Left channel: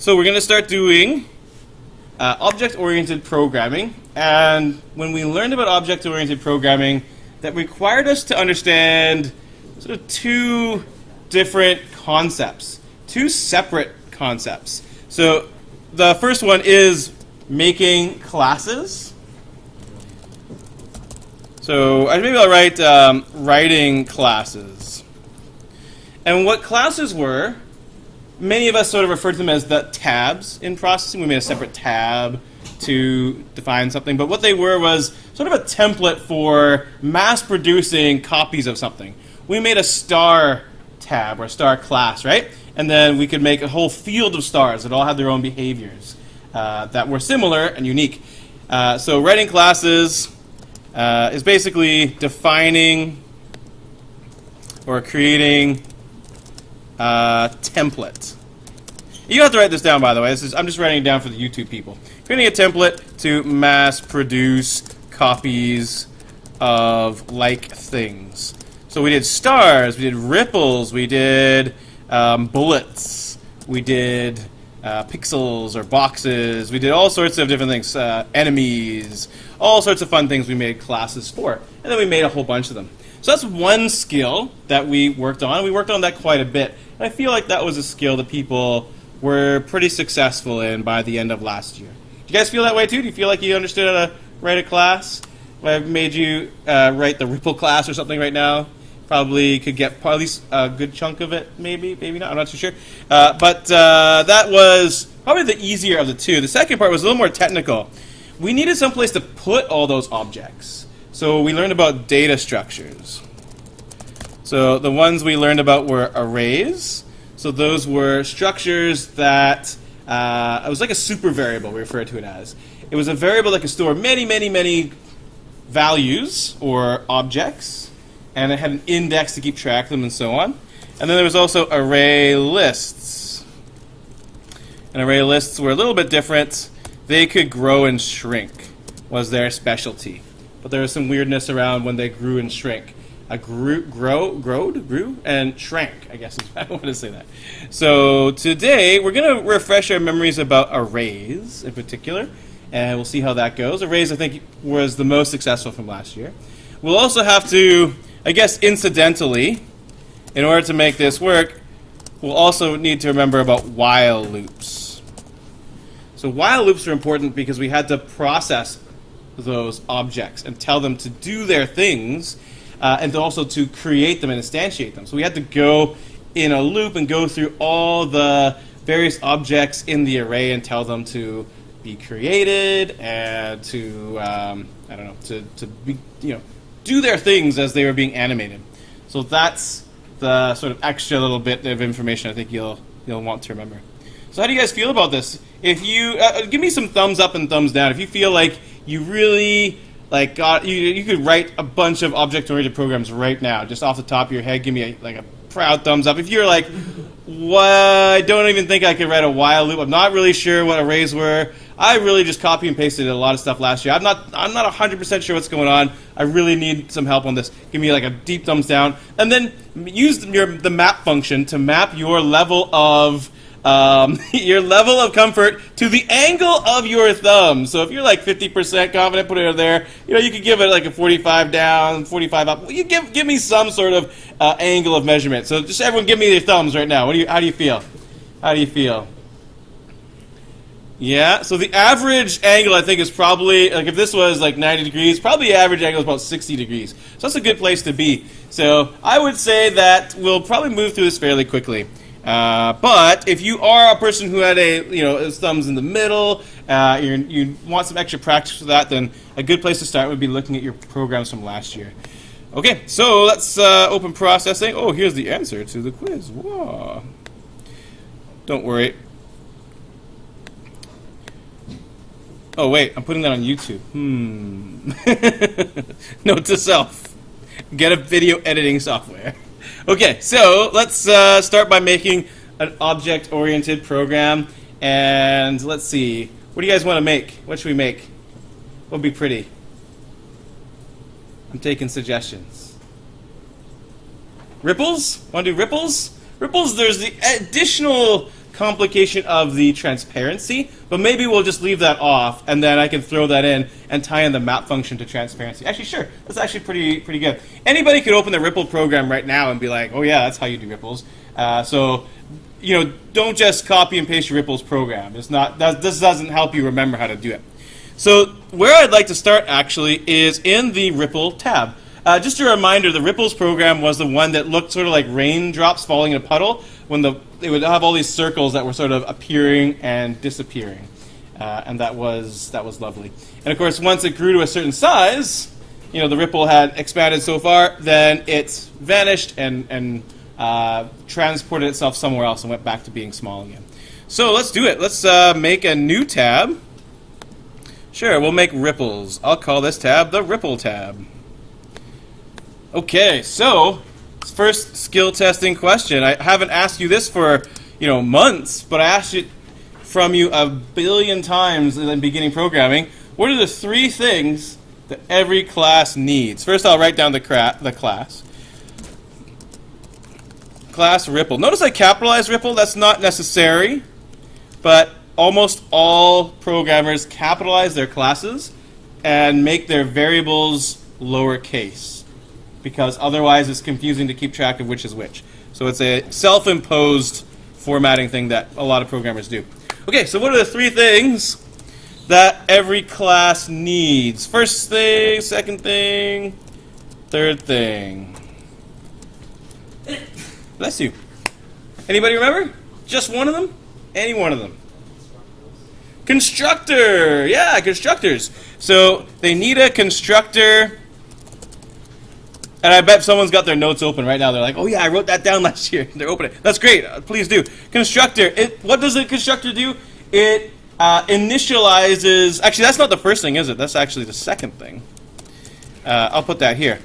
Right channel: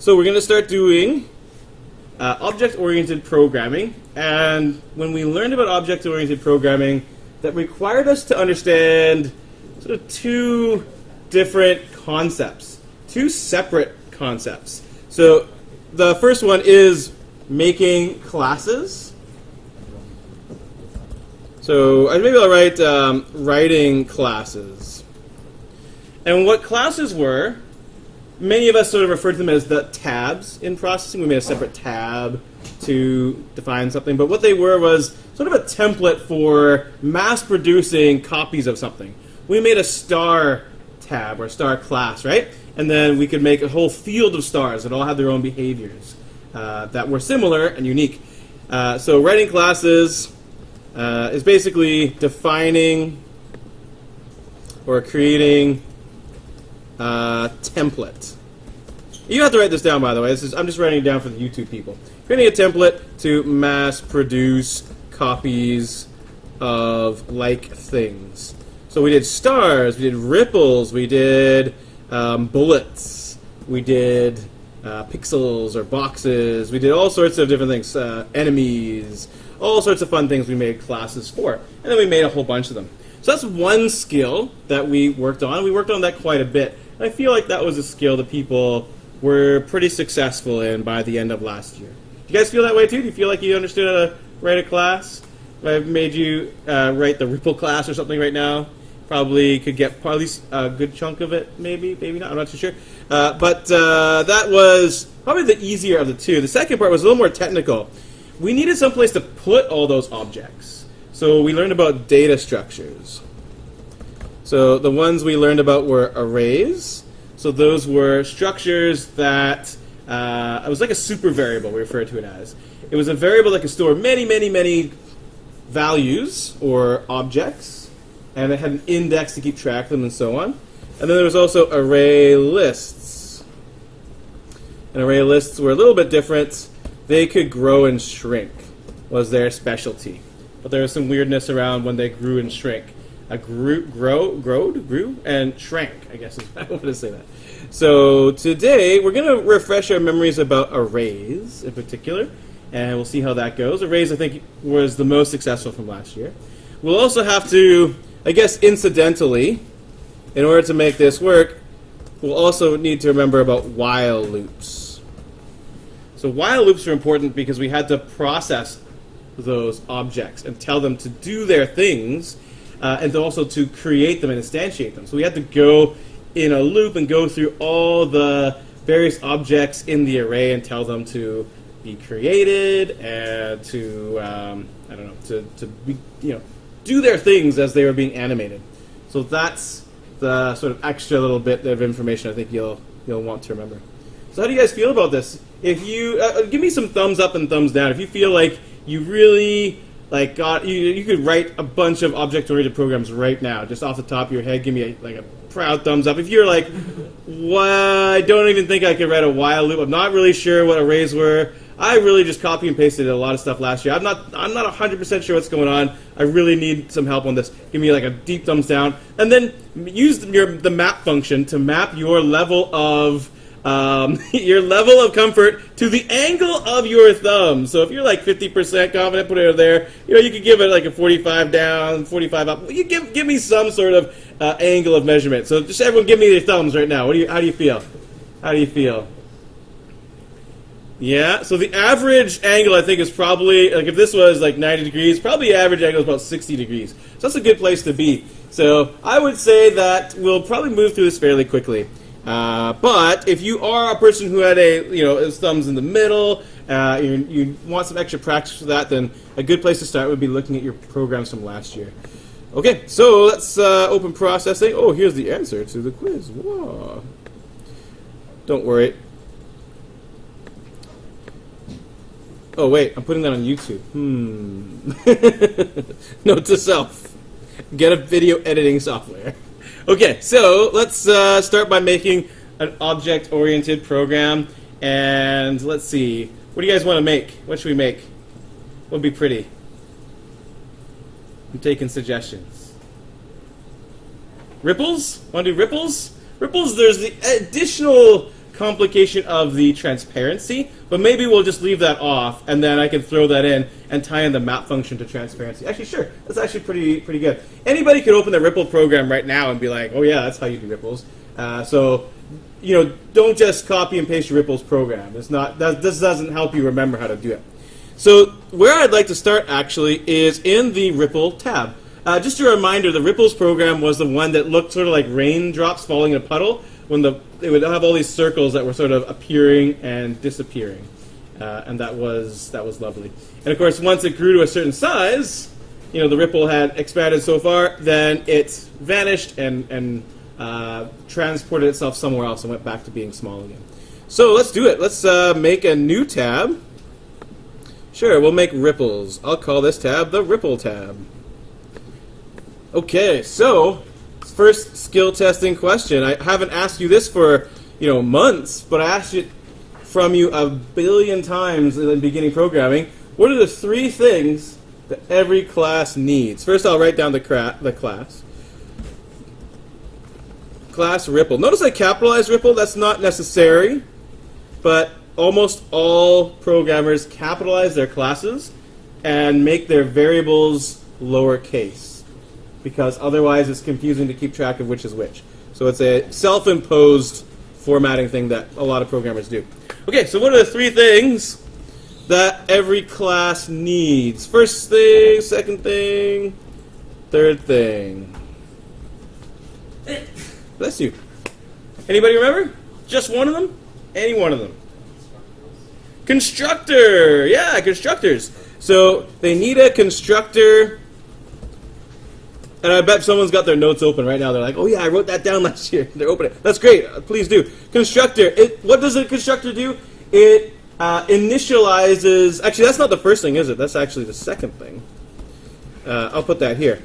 So we're going to start doing object-oriented programming. And when we learned about object-oriented programming, that required us to understand sort of two different concepts, two separate concepts. So the first one is making classes. So maybe I'll write writing classes. And what classes were, many of us sort of refer to them as the tabs in processing. We made a separate tab to define something. But what they were was sort of a template for mass-producing copies of something. We made a star tab or star class, right? And then we could make a whole field of stars that all had their own behaviors that were similar and unique. So writing classes is basically defining or creating a template. You don't have to write this down, by the way. I'm just writing it down for the YouTube people. Creating a template to mass produce copies of like things. So we did stars, we did ripples, we did bullets, we did pixels or boxes, we did all sorts of different things, enemies, all sorts of fun things we made classes for. And then we made a whole bunch of them. So that's one skill that we worked on. We worked on that quite a bit. And I feel like that was a skill that people were pretty successful in by the end of last year. Do you guys feel that way too? Do you feel like you understood how to write a class? If I've made you write the Ripple class or something right now, probably could get at least a good chunk of it, maybe not, I'm not too sure. But that was probably the easier of the two. The second part was a little more technical. We needed some place to put all those objects. So we learned about data structures. So the ones we learned about were arrays. So those were structures that, it was like a super variable, we referred to it as. It was a variable that could store many, many, many values or objects, and it had an index to keep track of them and so on. And then there was also array lists. And array lists were a little bit different. They could grow and shrink, was their specialty. But there was some weirdness around when they grew and shrank. Grew, and shrank, I guess is how I want to say that. So today, we're going to refresh our memories about arrays in particular, and we'll see how that goes. Arrays, I think, was the most successful from last year. We'll also have to, I guess incidentally, in order to make this work, we'll also need to remember about while loops. So while loops are important because we had to process those objects and tell them to do their things, and also to create them and instantiate them. So we had to go in a loop and go through all the various objects in the array and tell them to be created and to to be, do their things as they were being animated. So that's the sort of extra little bit of information I think you'll want to remember. So how do you guys feel about this? If you give me some thumbs up and thumbs down if you feel like you really you could write a bunch of object-oriented programs right now, just off the top of your head. Give me a proud thumbs up. If you're like, what? I don't even think I could write a while loop. I'm not really sure what arrays were. I really just copy and pasted a lot of stuff last year. I'm not 100% sure what's going on. I really need some help on this. Give me a deep thumbs down, and then use the map function to map your level of comfort to the angle of your thumb. So if you're 50% confident, put it there. You could give it a 45 down, 45 up. You give me some sort of angle of measurement. So just everyone, give me your thumbs right now. How do you feel? How do you feel? Yeah. So the average angle I think is probably if this was 90 degrees, probably the average angle is about 60 degrees. So that's a good place to be. So I would say that we'll probably move through this fairly quickly. But if you are a person who had his thumbs in the middle, you want some extra practice for that, then a good place to start would be looking at your programs from last year. Okay, so let's open processing. Oh, here's the answer to the quiz. Whoa. Don't worry. Oh, wait, I'm putting that on YouTube. Note to self. Get a video editing software. Okay, so let's start by making an object-oriented program. And let's see. What do you guys want to make? What should we make? What would be pretty? I'm taking suggestions. Ripples? Want to do ripples? Ripples, there's the additional complication of the transparency, but maybe we'll just leave that off, and then I can throw that in and tie in the map function to transparency. Actually, sure. That's actually pretty good. Anybody could open the Ripple program right now and be like, oh yeah, that's how you do ripples. So, don't just copy and paste your ripples program. This doesn't help you remember how to do it. So where I'd like to start actually is in the Ripple tab. Just a reminder, the ripples program was the one that looked sort of like raindrops falling in a puddle when they would have all these circles that were sort of appearing and disappearing. And that was lovely. And of course, once it grew to a certain size, the ripple had expanded so far, then it vanished and transported itself somewhere else and went back to being small again. So let's do it. Let's make a new tab. Sure, we'll make ripples. I'll call this tab the Ripple tab. Okay, so first skill testing question. I haven't asked you this for months, but I asked it from you a billion times in beginning programming. What are the 3 things that every class needs? First, I'll write down the class. Class Ripple. Notice I capitalized Ripple. That's not necessary, but almost all programmers capitalize their classes and make their variables lowercase, because otherwise it's confusing to keep track of which is which. So it's a self-imposed formatting thing that a lot of programmers do. Okay, so what are the 3 things that every class needs? First thing, second thing, third thing. Bless you. Anybody remember? Just one of them? Any one of them. Constructor! Yeah, constructors. So they need a constructor. And I bet someone's got their notes open right now. They're like, oh yeah, I wrote that down last year. They're opening it. That's great. Please do. Constructor. What does a constructor do? It initializes... Actually, that's not the first thing, is it? That's actually the second thing. I'll put that here.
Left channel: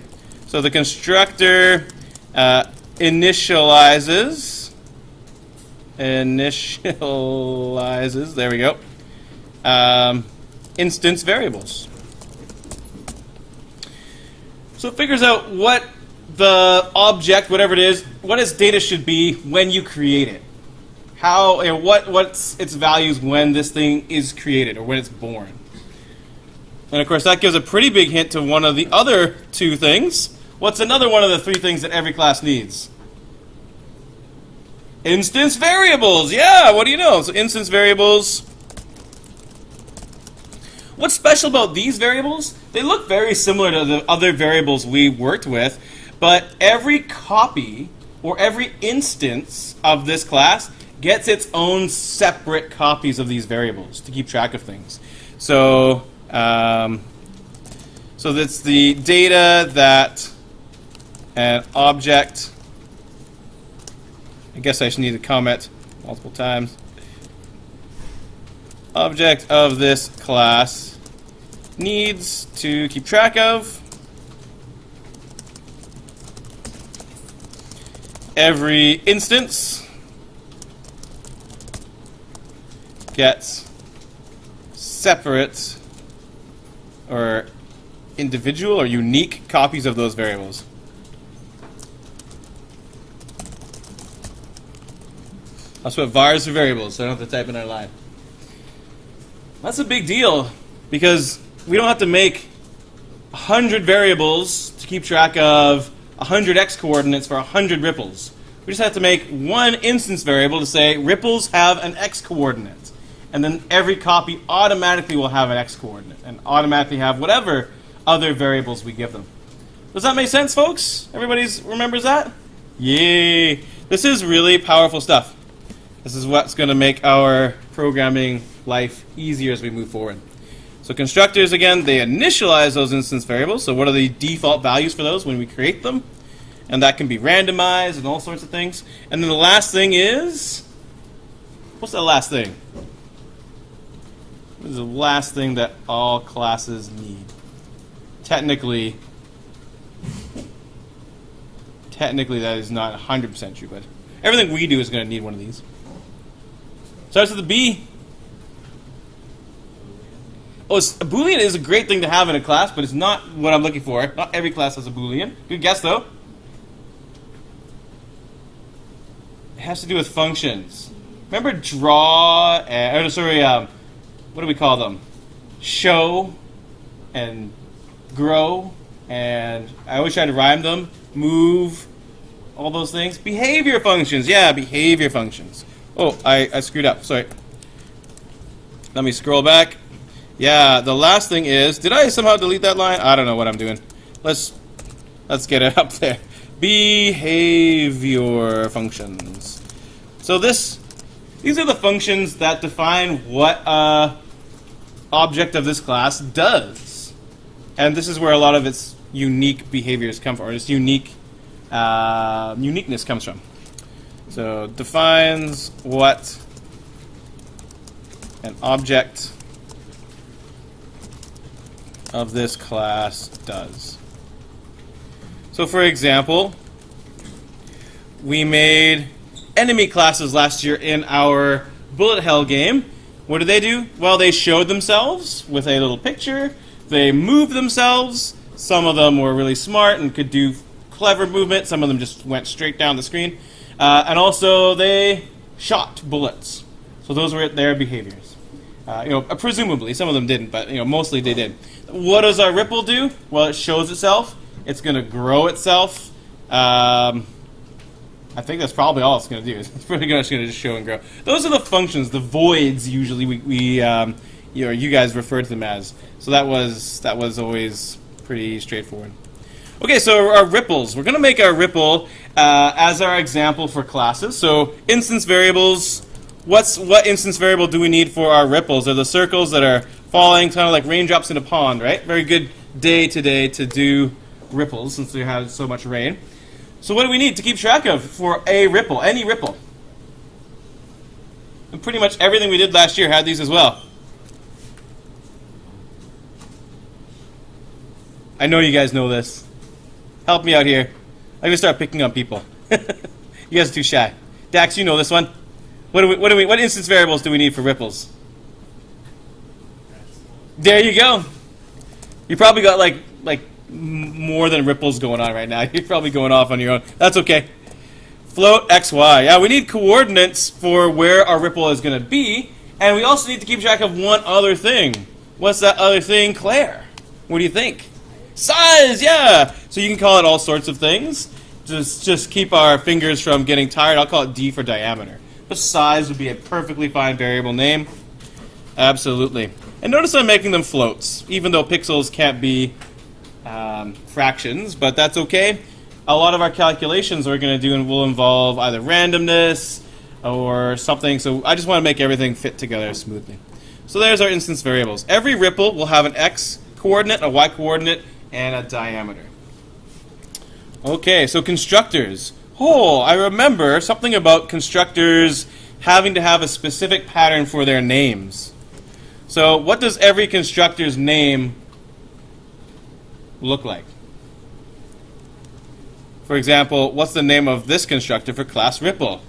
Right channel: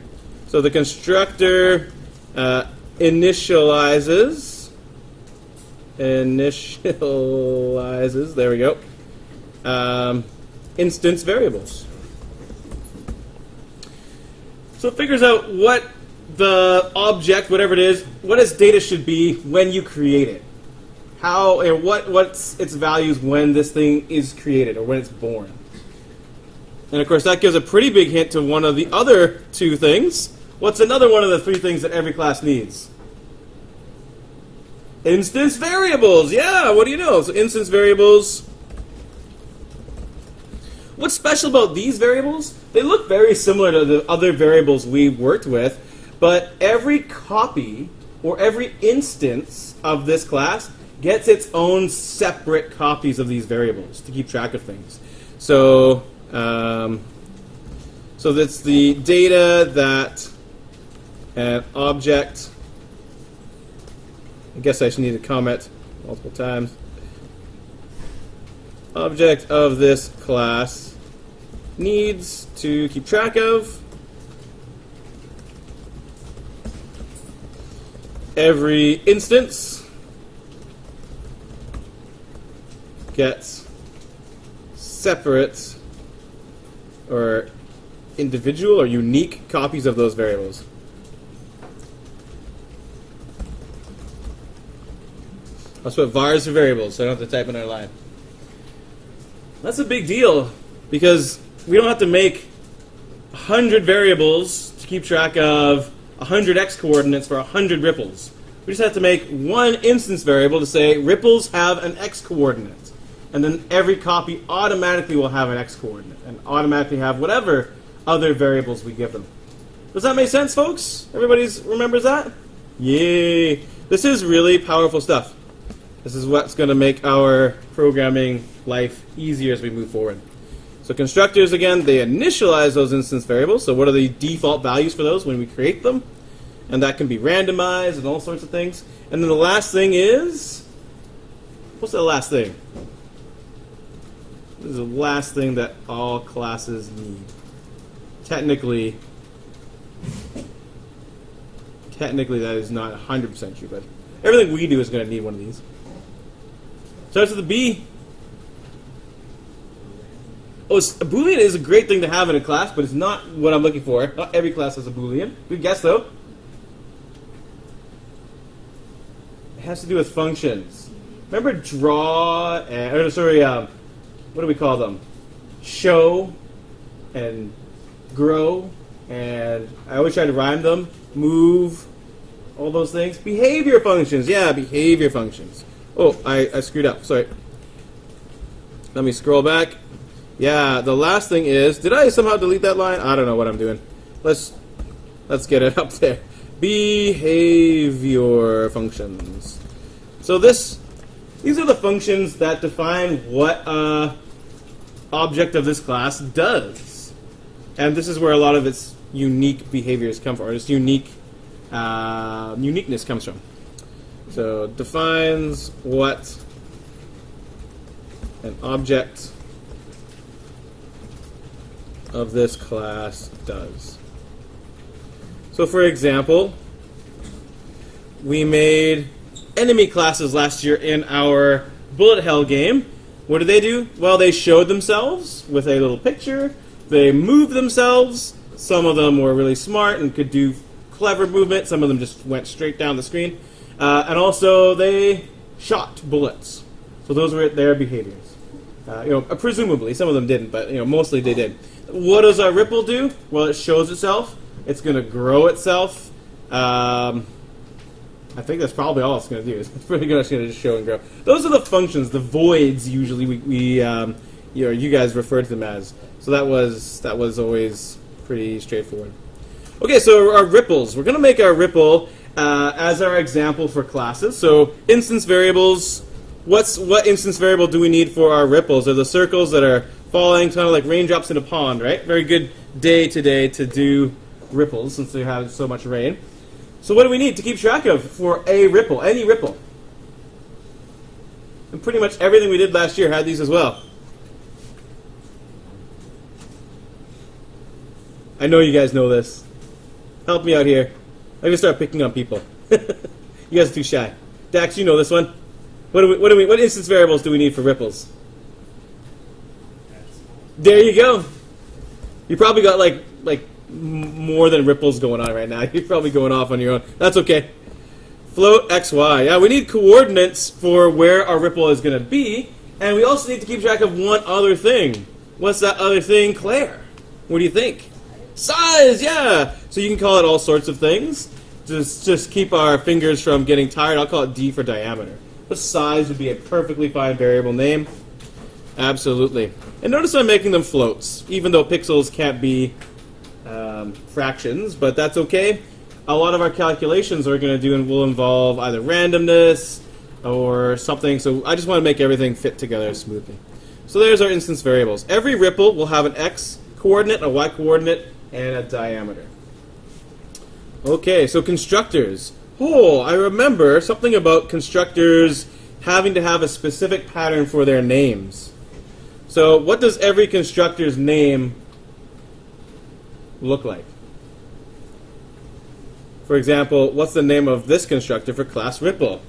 So the constructor initializes... There we go. Instance variables. So it figures out what the object, whatever it is, what its data should be when you create it. How, what's its values when this thing is created or when it's born. And of course that gives a pretty big hint to one of the other 2 things. What's another one of the 3 things that every class needs? Instance variables. Yeah, what do you know? So instance variables. What's special about these variables? They look very similar to the other variables we worked with, but every copy or every instance of this class gets its own separate copies of these variables to keep track of things. So, so that's the data that an object. I guess I just need to comment multiple times. Object of this class needs to keep track of. Every instance gets separate or individual or unique copies of those variables. I'll put vars for variables so I don't have to type in our line. That's a big deal because we don't have to make 100 variables to keep track of 100 x coordinates for 100 ripples. We just have to make one instance variable to say ripples have an x coordinate. And then every copy automatically will have an x coordinate and automatically have whatever other variables we give them. Does that make sense, folks? Everybody remembers that? Yay! This is really powerful stuff. This is what's going to make our programming life easier as we move forward. So constructors, again, they initialize those instance variables. So what are the default values for those when we create them? And that can be randomized and all sorts of things. And then the last thing is... What's the last thing? What is the last thing that all classes need? Technically that is not 100% true, but everything we do is going to need one of these. Starts with a B. Oh, a Boolean is a great thing to have in a class, but it's not what I'm looking for. Not every class has a Boolean. Good guess, though. It has to do with functions. remember draw and what do we call them? Show and grow, and I always try to rhyme them. Move, all those things. Behavior functions, yeah, behavior functions. Oh, I screwed up. Sorry. Let me scroll back. Yeah, the last thing is, did I somehow delete that line? I don't know what I'm doing. Let's get it up there. Behavior functions. So these are the functions that define what object of this class does. And this is where a lot of its unique behaviors come from, or its uniqueness comes from. So defines what an object of this class does. So for example, we made enemy classes last year in our bullet hell game. What did they do? Well, they showed themselves with a little picture. They moved themselves. Some of them were really smart and could do clever movement. Some of them just went straight down the screen. And also they shot bullets. So those were their behaviors. Presumably, some of them didn't, but mostly they did. What does our ripple do? Well, it shows itself. It's going to grow itself. I think that's probably all it's going to do. It's pretty much going to just show and grow. Those are the functions, the voids. Usually, you guys refer to them as. So that was always pretty straightforward. Okay, so our ripples. We're going to make our ripple as our example for classes. So instance variables. What instance variable do we need for our ripples? They're the circles that are falling, kind of like raindrops in a pond, right? Very good day today to do ripples since we have so much rain. So what do we need to keep track of for a ripple, any ripple? And pretty much everything we did last year had these as well. I know you guys know this. Help me out here. I'm going to start picking on people. You guys are too shy. Dax, you know this one. What instance variables do we need for ripples? There you go. You probably got like more than ripples going on right now. You're probably going off on your own. That's okay. Float x, y. Yeah, we need coordinates for where our ripple is going to be, and we also need to keep track of one other thing. What's that other thing, Claire? What do you think? Size, yeah. So you can call it all sorts of things. Just keep our fingers from getting tired. I'll call it D for diameter. But size would be a perfectly fine variable name. Absolutely. And notice I'm making them floats, even though pixels can't be fractions, but that's okay. A lot of our calculations we're going to do will involve either randomness or something, so I just want to make everything fit together smoothly. So there's our instance variables. Every ripple will have an x coordinate, a y coordinate, and a diameter. Okay, so constructors. Oh, I remember something about constructors having to have a specific pattern for their names. So what does every constructor's name look like? For example, what's the name of this constructor for class Ripple?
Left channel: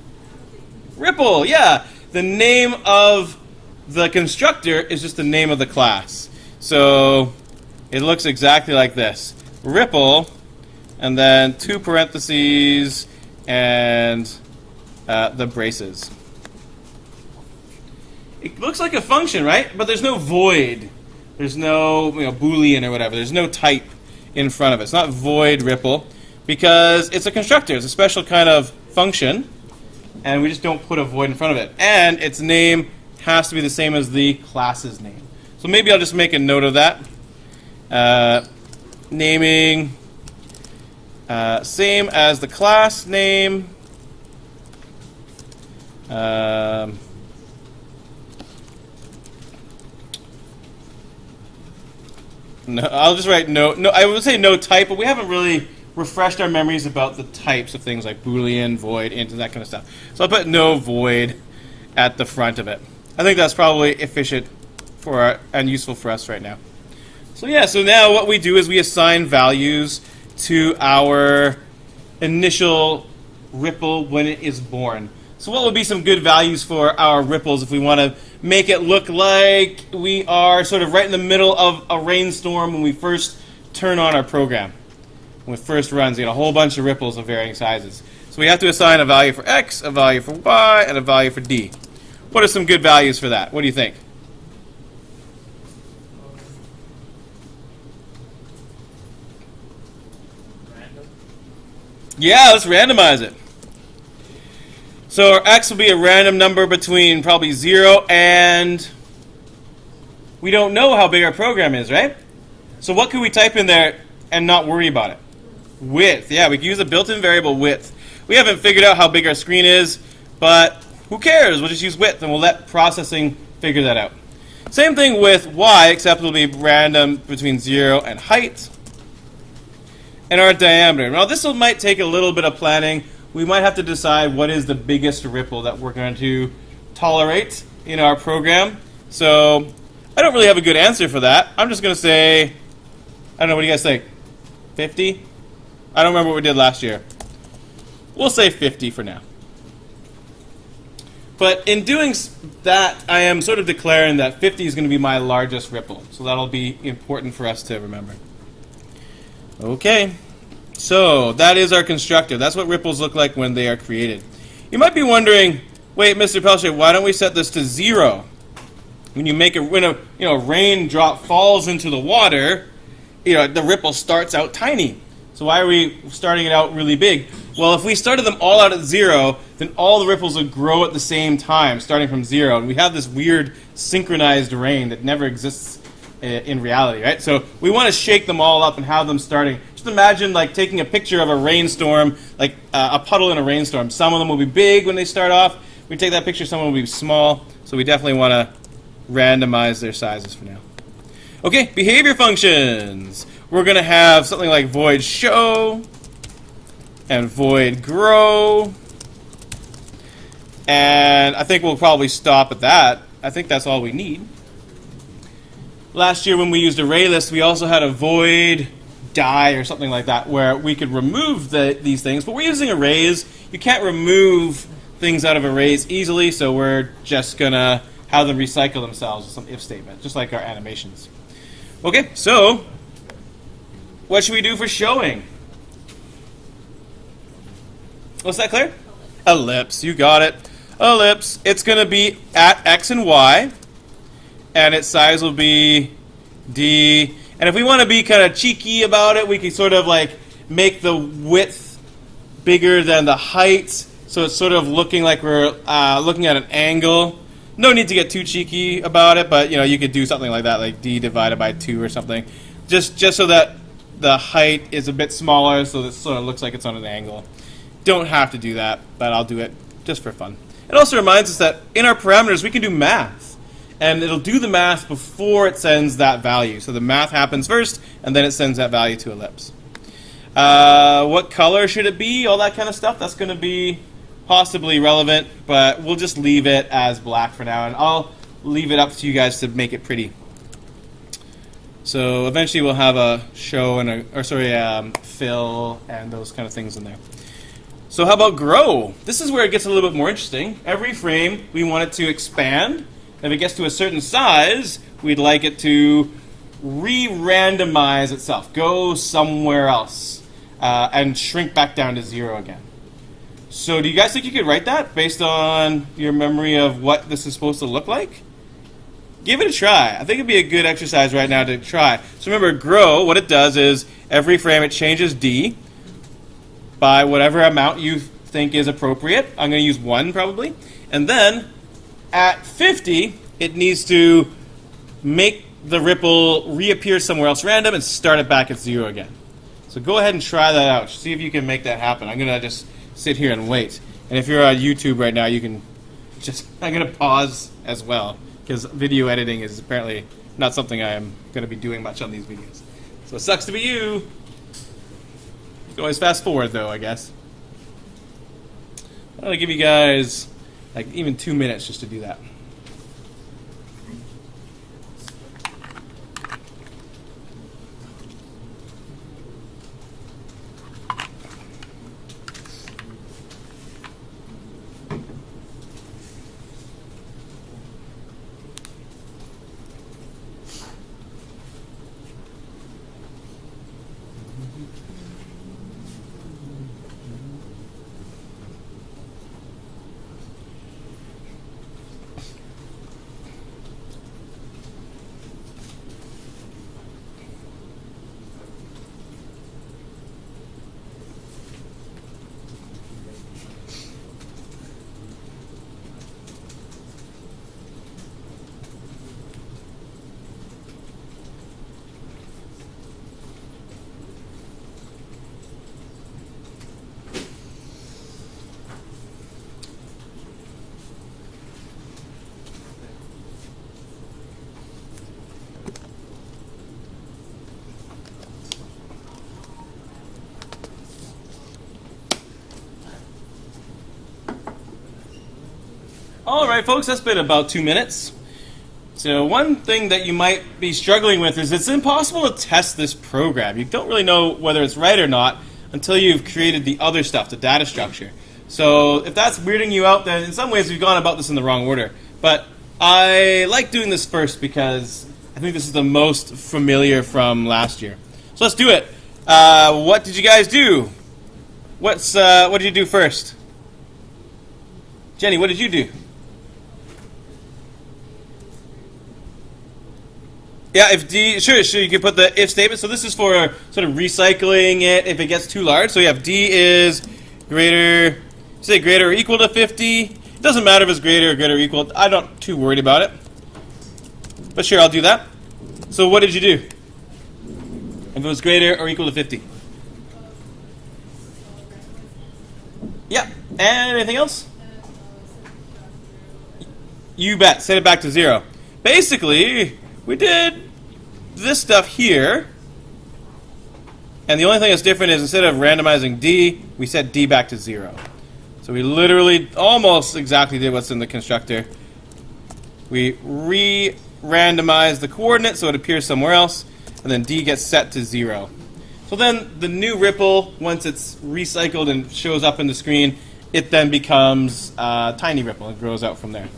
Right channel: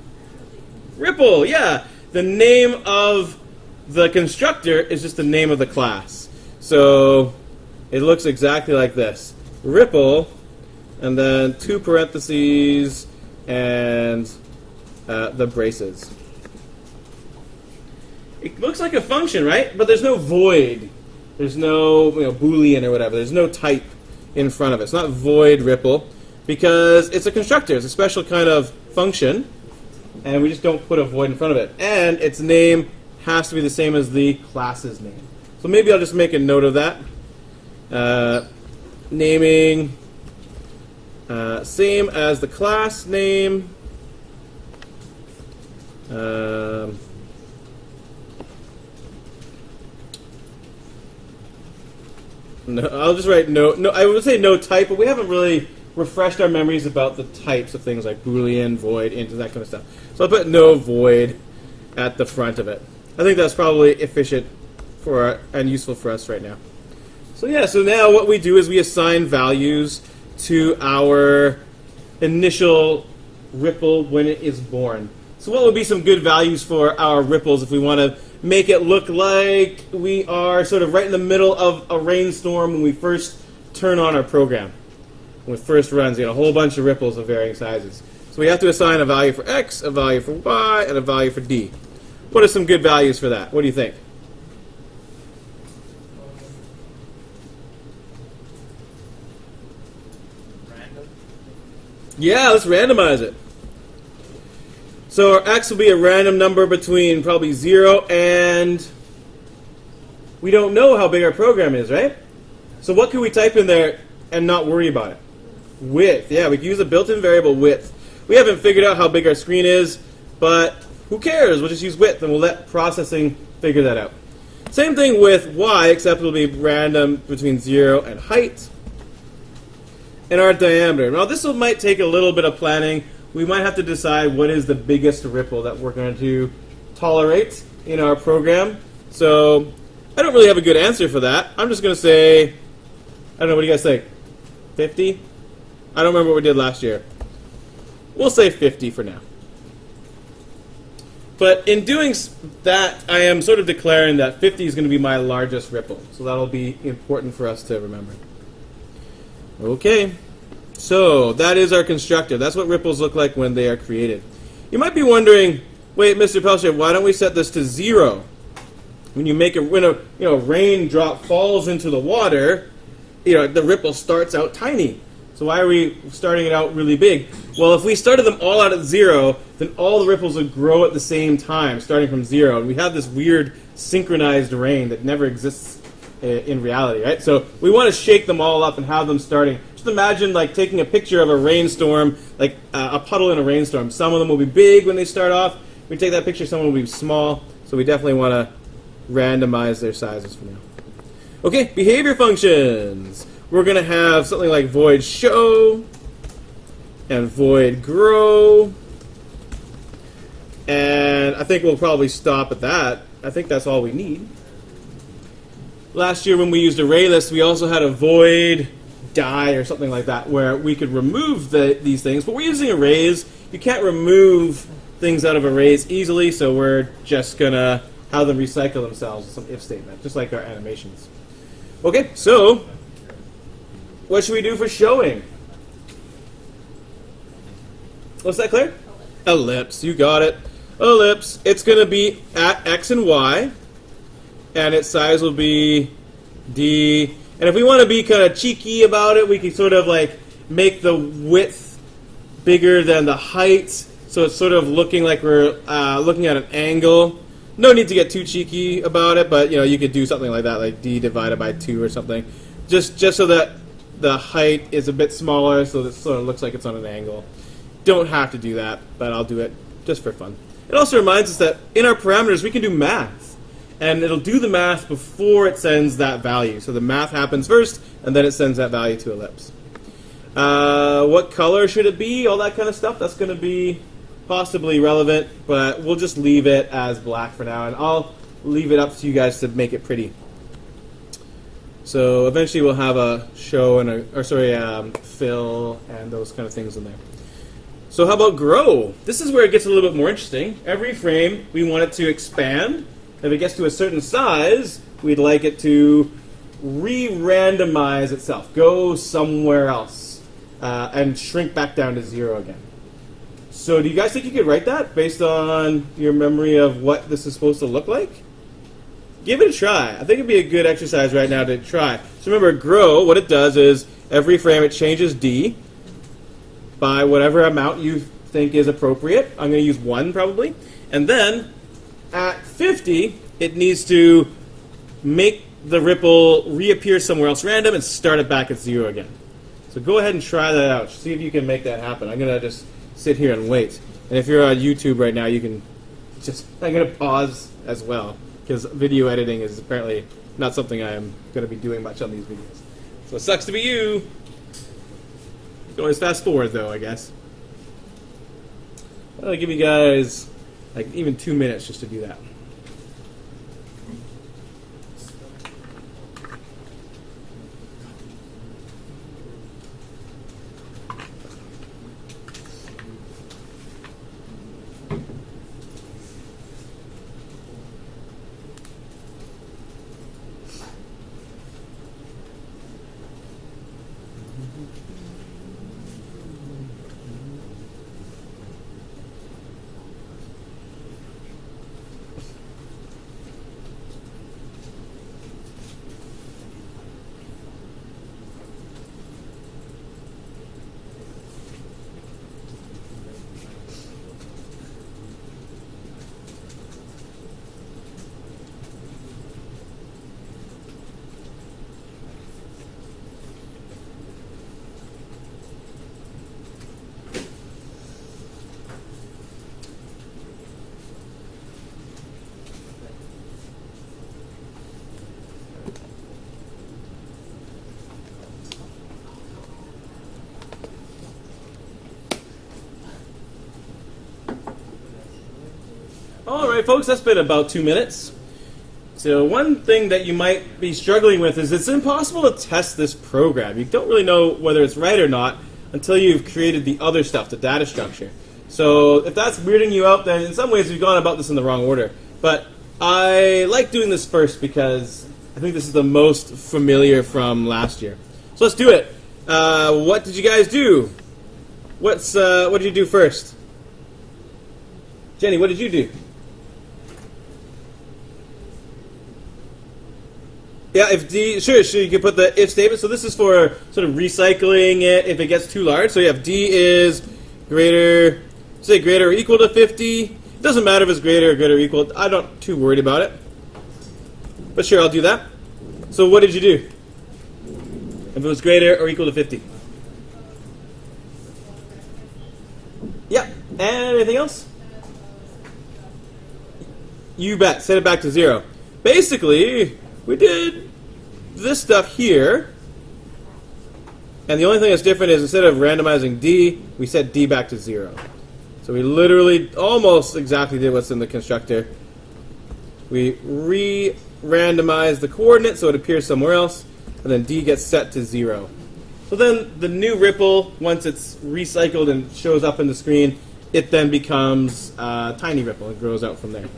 Ripple, yeah. The name of the constructor is just the name of the class. So it looks exactly like this. Ripple, and then 2 parentheses, and the braces. It looks like a function, right? But there's no void. There's no Boolean or whatever. There's no type in front of it. It's not void Ripple because it's a constructor. It's a special kind of function, and we just don't put a void in front of it. And its name has to be the same as the class's name. So maybe I'll just make a note of that. Naming same as the class name. No, I'll just write no. I would say no type, but we haven't really refreshed our memories about the types of things like Boolean, void, int, and that kind of stuff. So I'll put no void at the front of it. I think that's probably efficient and useful for us right now. So yeah, so now what we do is we assign values to our initial ripple when it is born. So what would be some good values for our ripples if we want to make it look like we are sort of right in the middle of a rainstorm when we first turn on our program? When it first runs, a whole bunch of ripples of varying sizes. So we have to assign a value for x, a value for y, and a value for d. What are some good values for that? What do you think? Random. Yeah, let's randomize it. So our x will be a random number between probably 0 and... We don't know how big our program is, right? So what can we type in there and not worry about it? Width. Yeah, we can use a built-in variable width. We haven't figured out how big our screen is, but who cares? We'll just use width and we'll let processing figure that out. Same thing with y, except it'll be random between 0 and height. And our diameter. Now this might take a little bit of planning. We might have to decide what is the biggest ripple that we're going to tolerate in our program. So I don't really have a good answer for that. I'm just going to say, I don't know, what do you guys think? 50? I don't remember what we did last year. We'll say 50 for now. But in doing that, I am sort of declaring that 50 is going to be my largest ripple. So that'll be important for us to remember. Okay. So that is our constructor. That's what ripples look like when they are created. You might be wondering, wait, Mr. Pelcher, why don't we set this to 0? When a raindrop falls into the water, the ripple starts out tiny. So why are we starting it out really big? Well, if we started them all out at 0, then all the ripples would grow at the same time, starting from 0. And we have this weird synchronized rain that never exists in reality, right? So we want to shake them all up and have them starting. Just imagine like taking a picture of a rainstorm, like a puddle in a rainstorm. Some of them will be big when they start off. We take that picture, some will be small. So we definitely want to randomize their sizes for now. Okay, behavior functions. We're going to have something like void show and void grow. And I think we'll probably stop at that. I think that's all we need. Last year when we used ArrayList, we also had a void die or something like that where we could remove these things. But we're using arrays. You can't remove things out of arrays easily, so we're just going to have them recycle themselves with some if statement, just like our animations. Okay, so what should we do for showing? Was that clear? Ellipse, you got it. Ellipse, it's going to be at x and y, and its size will be d. And if we want to be kind of cheeky about it, we can sort of like make the width bigger than the height, so it's sort of looking like we're looking at an angle. No need to get too cheeky about it, but you could do something like that, like d divided by 2 or something, just so that the height is a bit smaller, so this sort of looks like it's on an angle. Don't have to do that, but I'll do it just for fun. It also reminds us that in our parameters we can do math, and it'll do the math before it sends that value. So the math happens first, and then it sends that value to ellipse. What color should it be? All that kind of stuff. That's going to be possibly relevant, but we'll just leave it as black for now, and I'll leave it up to you guys to make it pretty. So eventually we'll have a show and fill and those kind of things in there. So how about grow? This is where it gets a little bit more interesting. Every frame we want it to expand. If it gets to a certain size, we'd like it to re-randomize itself, go somewhere else, and shrink back down to 0 again. So do you guys think you could write that based on your memory of what this is supposed to look like? Give it a try. I think it'd be a good exercise right now to try. So remember, grow, what it does is every frame it changes d by whatever amount you think is appropriate. I'm going to use 1 probably. And then at 50, it needs to make the ripple reappear somewhere else random and start it back at 0 again. So go ahead and try that out. See if you can make that happen. I'm going to just sit here and wait. And if you're on YouTube right now, you can I'm going to pause as well, because video editing is apparently not something I am going to be doing much on these videos. So it sucks to be you. You can always fast forward, though, I guess. I'm going to give you guys like even 2 minutes just to do that. All right, folks, that's been about 2 minutes. So one thing that you might be struggling with is it's impossible to test this program. You don't really know whether it's right or not until you've created the other stuff, the data structure. So if that's weirding you out, then in some ways we've gone about this in the wrong order. But I like doing this first because I think this is the most familiar from last year. So let's do it. What did you guys do? What did you do first? Jenny, what did you do? Yeah, if D, sure, you can put the if statement. So this is for sort of recycling it if it gets too large. So you have D is greater, say greater or equal to 50. It doesn't matter if it's greater or equal. I'm not too worried about it. But sure, I'll do that. So what did you do? If it was greater or equal to 50? Yeah, and anything else? You bet, set it back to 0. Basically, we did this stuff here, and the only thing that's different is instead of randomizing D, we set D back to 0. So we literally almost exactly did what's in the constructor. We re-randomize the coordinate so it appears somewhere else, and then D gets set to 0. So then the new ripple, once it's recycled and shows up in the screen, it then becomes a tiny ripple and grows out from there.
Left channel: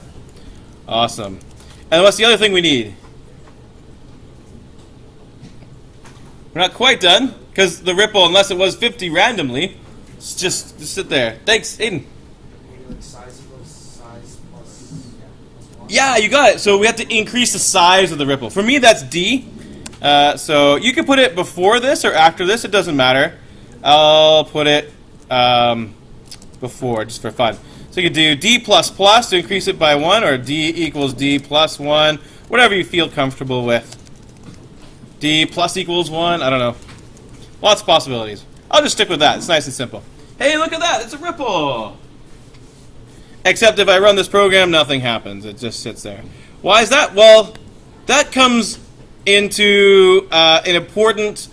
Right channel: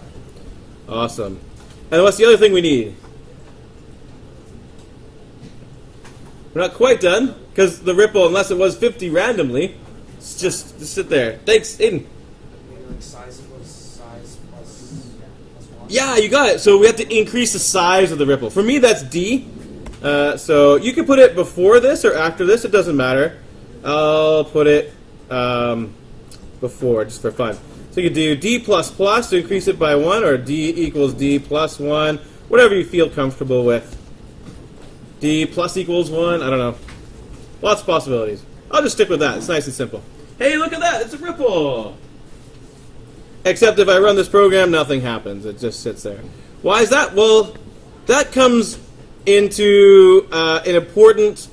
Awesome. And what's the other thing we need? We're not quite done, because the ripple, unless it was 50 randomly, just sit there. Thanks, Aiden. Size equals size plus 1. Yeah, you got it. So we have to increase the size of the ripple. For me, that's D. So you can put it before this or after this. It doesn't matter. I'll put it before, just for fun. So you can do D++ to increase it by 1, or D equals D plus 1, whatever you feel comfortable with. D plus equals 1, I don't know. Lots of possibilities. I'll just stick with that. It's nice and simple. Hey, look at that. It's a ripple. Except if I run this program, nothing happens. It just sits there. Why is that? Well, that comes into an important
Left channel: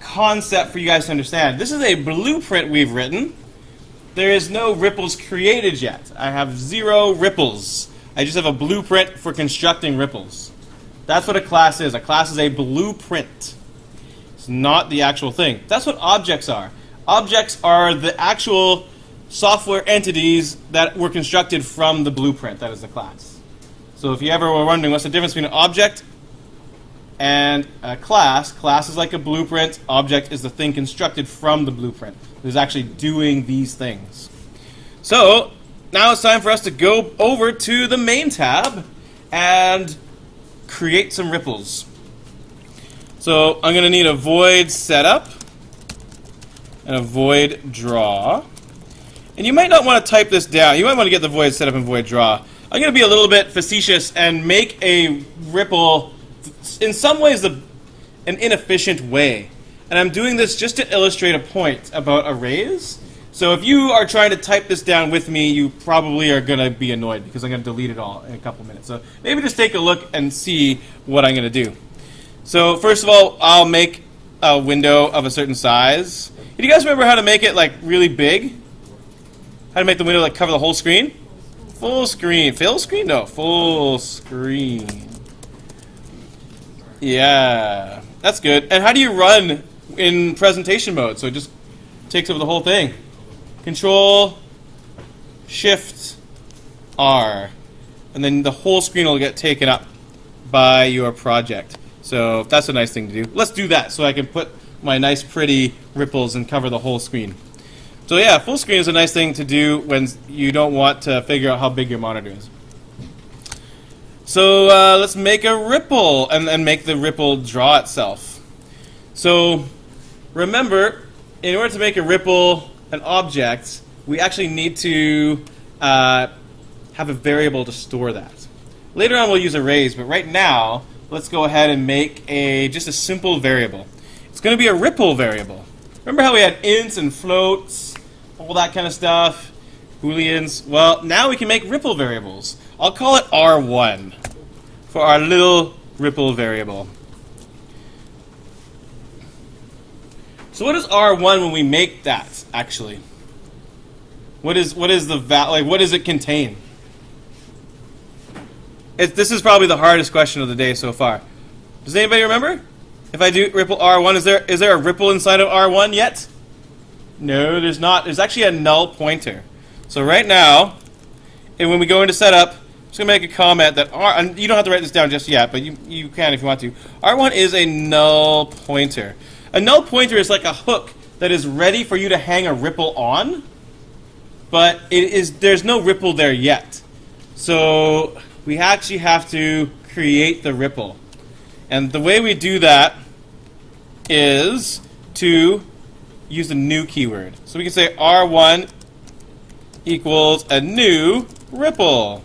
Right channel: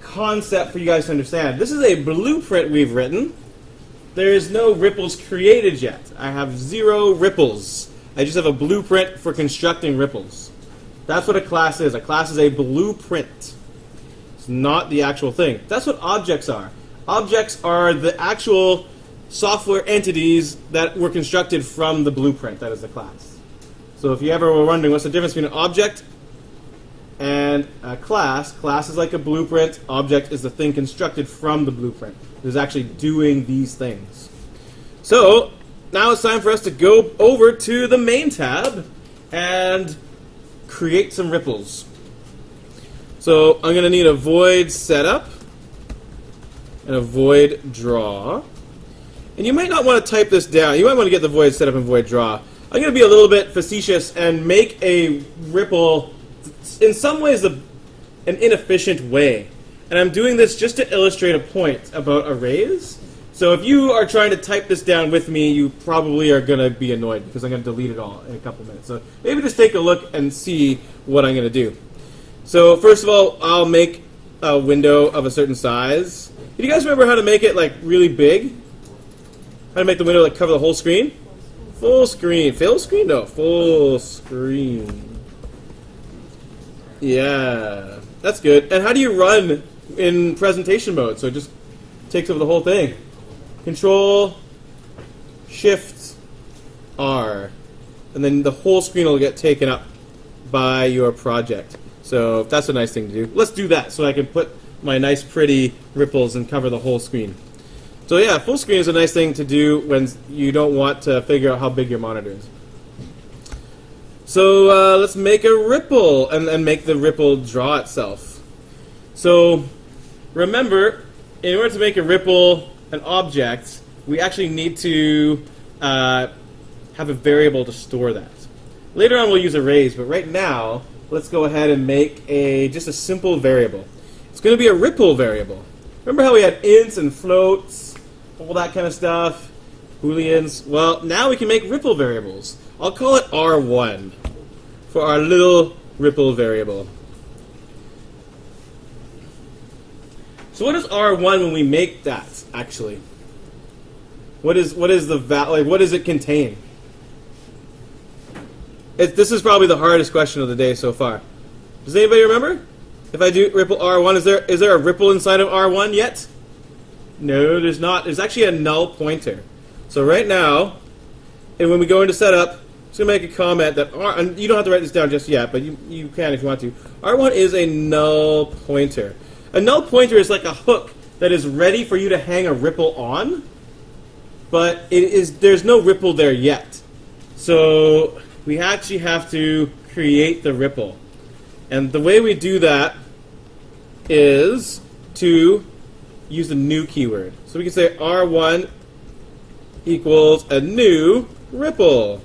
concept for you guys to understand. This is a blueprint we've written. There is no ripples created yet. I have 0 ripples. I just have a blueprint for constructing ripples. That's what a class is. A class is a blueprint. It's not the actual thing. That's what objects are. Objects are the actual software entities that were constructed from the blueprint that is the class. So if you ever were wondering what's the difference between an object and a class, class is like a blueprint, object is the thing constructed from the blueprint. It's actually doing these things. So now it's time for us to go over to the main tab and create some ripples. So I'm going to need a void setup and a void draw. And you might not want to type this down. You might want to get the void setup and void draw. I'm going to be a little bit facetious and make a ripple in some ways an inefficient way. And I'm doing this just to illustrate a point about arrays. So if you are trying to type this down with me, you probably are going to be annoyed because I'm going to delete it all in a couple minutes. So maybe just take a look and see what I'm going to do. So first of all, I'll make a window of a certain size. Do you guys remember how to make it like really big? How to make the window like cover the whole screen? Full screen. Full screen? No, full screen. Yeah, that's good. And how do you run in presentation mode? So it just takes over the whole thing. Control, Shift, R. And then the whole screen will get taken up by your project. So that's a nice thing to do. Let's do that so I can put my nice pretty ripples and cover the whole screen. So yeah, full screen is a nice thing to do when you don't want to figure out how big your monitor is. So let's make a ripple and make the ripple draw itself. So remember, in order to make a ripple an object, we actually need to have a variable to store that. Later on we'll use arrays, but right now let's go ahead and make just a simple variable. It's going to be a ripple variable. Remember how we had ints and floats, all that kind of stuff, booleans? Well, now we can make ripple variables. I'll call it R1 for our little ripple variable. So what is R1 when we make that, actually? What is the value? Like, what does it contain? This is probably the hardest question of the day so far. Does anybody remember? If I do ripple R1, is there a ripple inside of R1 yet? No, there's not. There's actually a null pointer. So right now, and when we go into setup, I'm just going to make a comment that and you don't have to write this down just yet, but you can if you want to. R1 is a null pointer. A null pointer is like a hook that is ready for you to hang a ripple on, but there's no ripple there yet. So we actually have to create the ripple. And the way we do that is to use the new keyword. So we can say R1 equals a new ripple.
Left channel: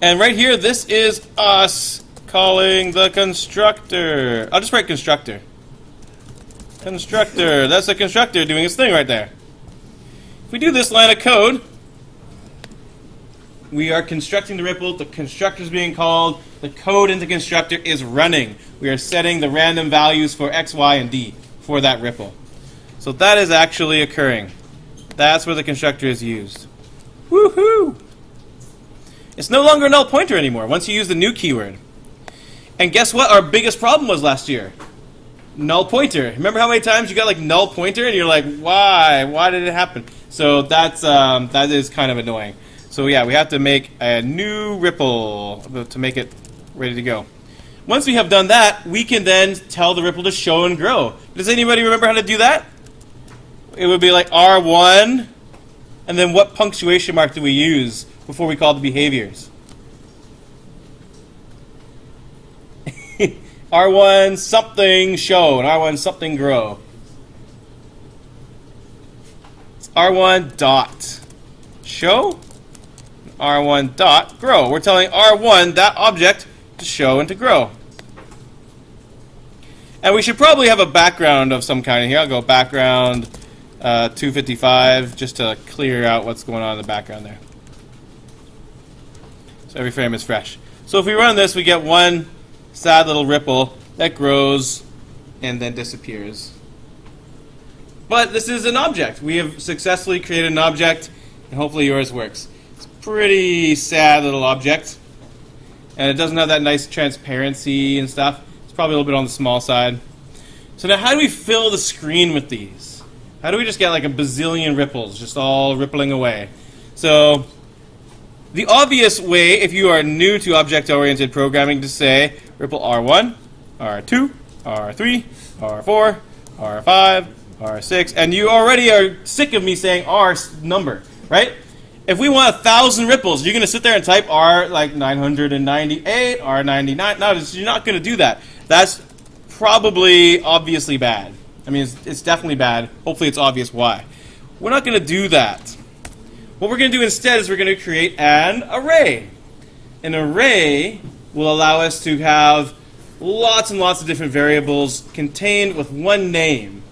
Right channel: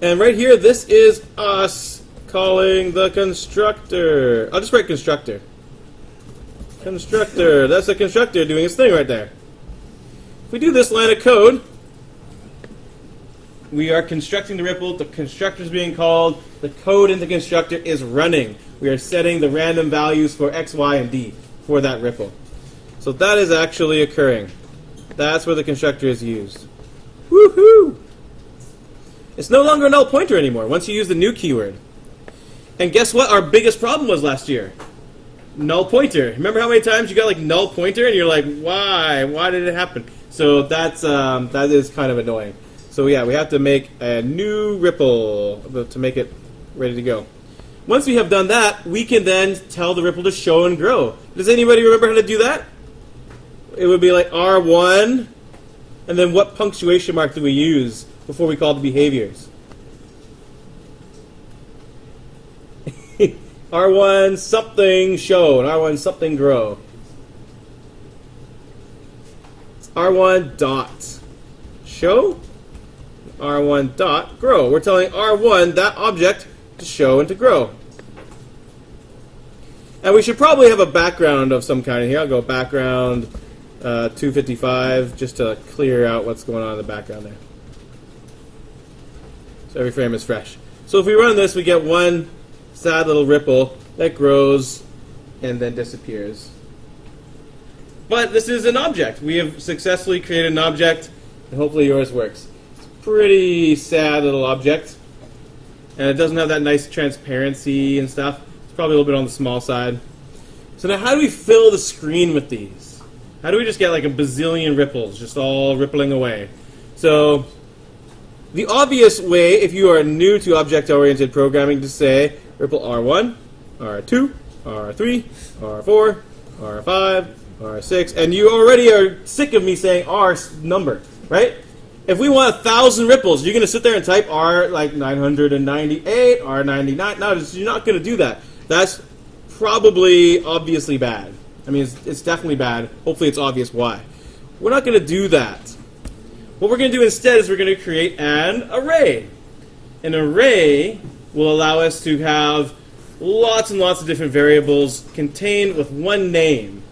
And right here, this is us calling the constructor. I'll just write constructor. Constructor. That's a constructor doing its thing right there. If we do this line of code, we are constructing the ripple. The constructor is being called. The code in the constructor is running. We are setting the random values for x, y, and d for that ripple. So that is actually occurring. That's where the constructor is used. Woohoo! It's no longer a null pointer anymore once you use the new keyword. And guess what our biggest problem was last year? Null pointer. Remember how many times you got like null pointer and you're like, why? Why did it happen? So that is kind of annoying. So yeah, we have to make a new ripple to make it ready to go. Once we have done that, we can then tell the ripple to show and grow. Does anybody remember how to do that? It would be like R1, and then what punctuation mark do we use before we call the behaviors? R1 something show and R1 something grow. It's R1 dot show, R1 dot grow. We're telling R1, that object, to show and to grow. And we should probably have a background of some kind here. I'll go background 255 just to clear out what's going on in the background there. So every frame is fresh. So if we run this, we get one sad little ripple that grows and then disappears. But this is an object. We have successfully created an object, and hopefully yours works. It's a pretty sad little object, and it doesn't have that nice transparency and stuff. It's probably a little bit on the small side. So now how do we fill the screen with these? How do we just get like a bazillion ripples just all rippling away? So the obvious way, if you are new to object-oriented programming, to say ripple R1, R2, R3, R4, R5, R6, and you already are sick of me saying R number, right? If we want 1,000 ripples, you're going to sit there and type R like 998, R99. No, you're not going to do that. That's probably obviously bad. I mean, it's definitely bad. Hopefully it's obvious why. We're not going to do that. What we're going to do instead is we're going to create an array. An array will allow us to have lots and lots of different variables contained with one name.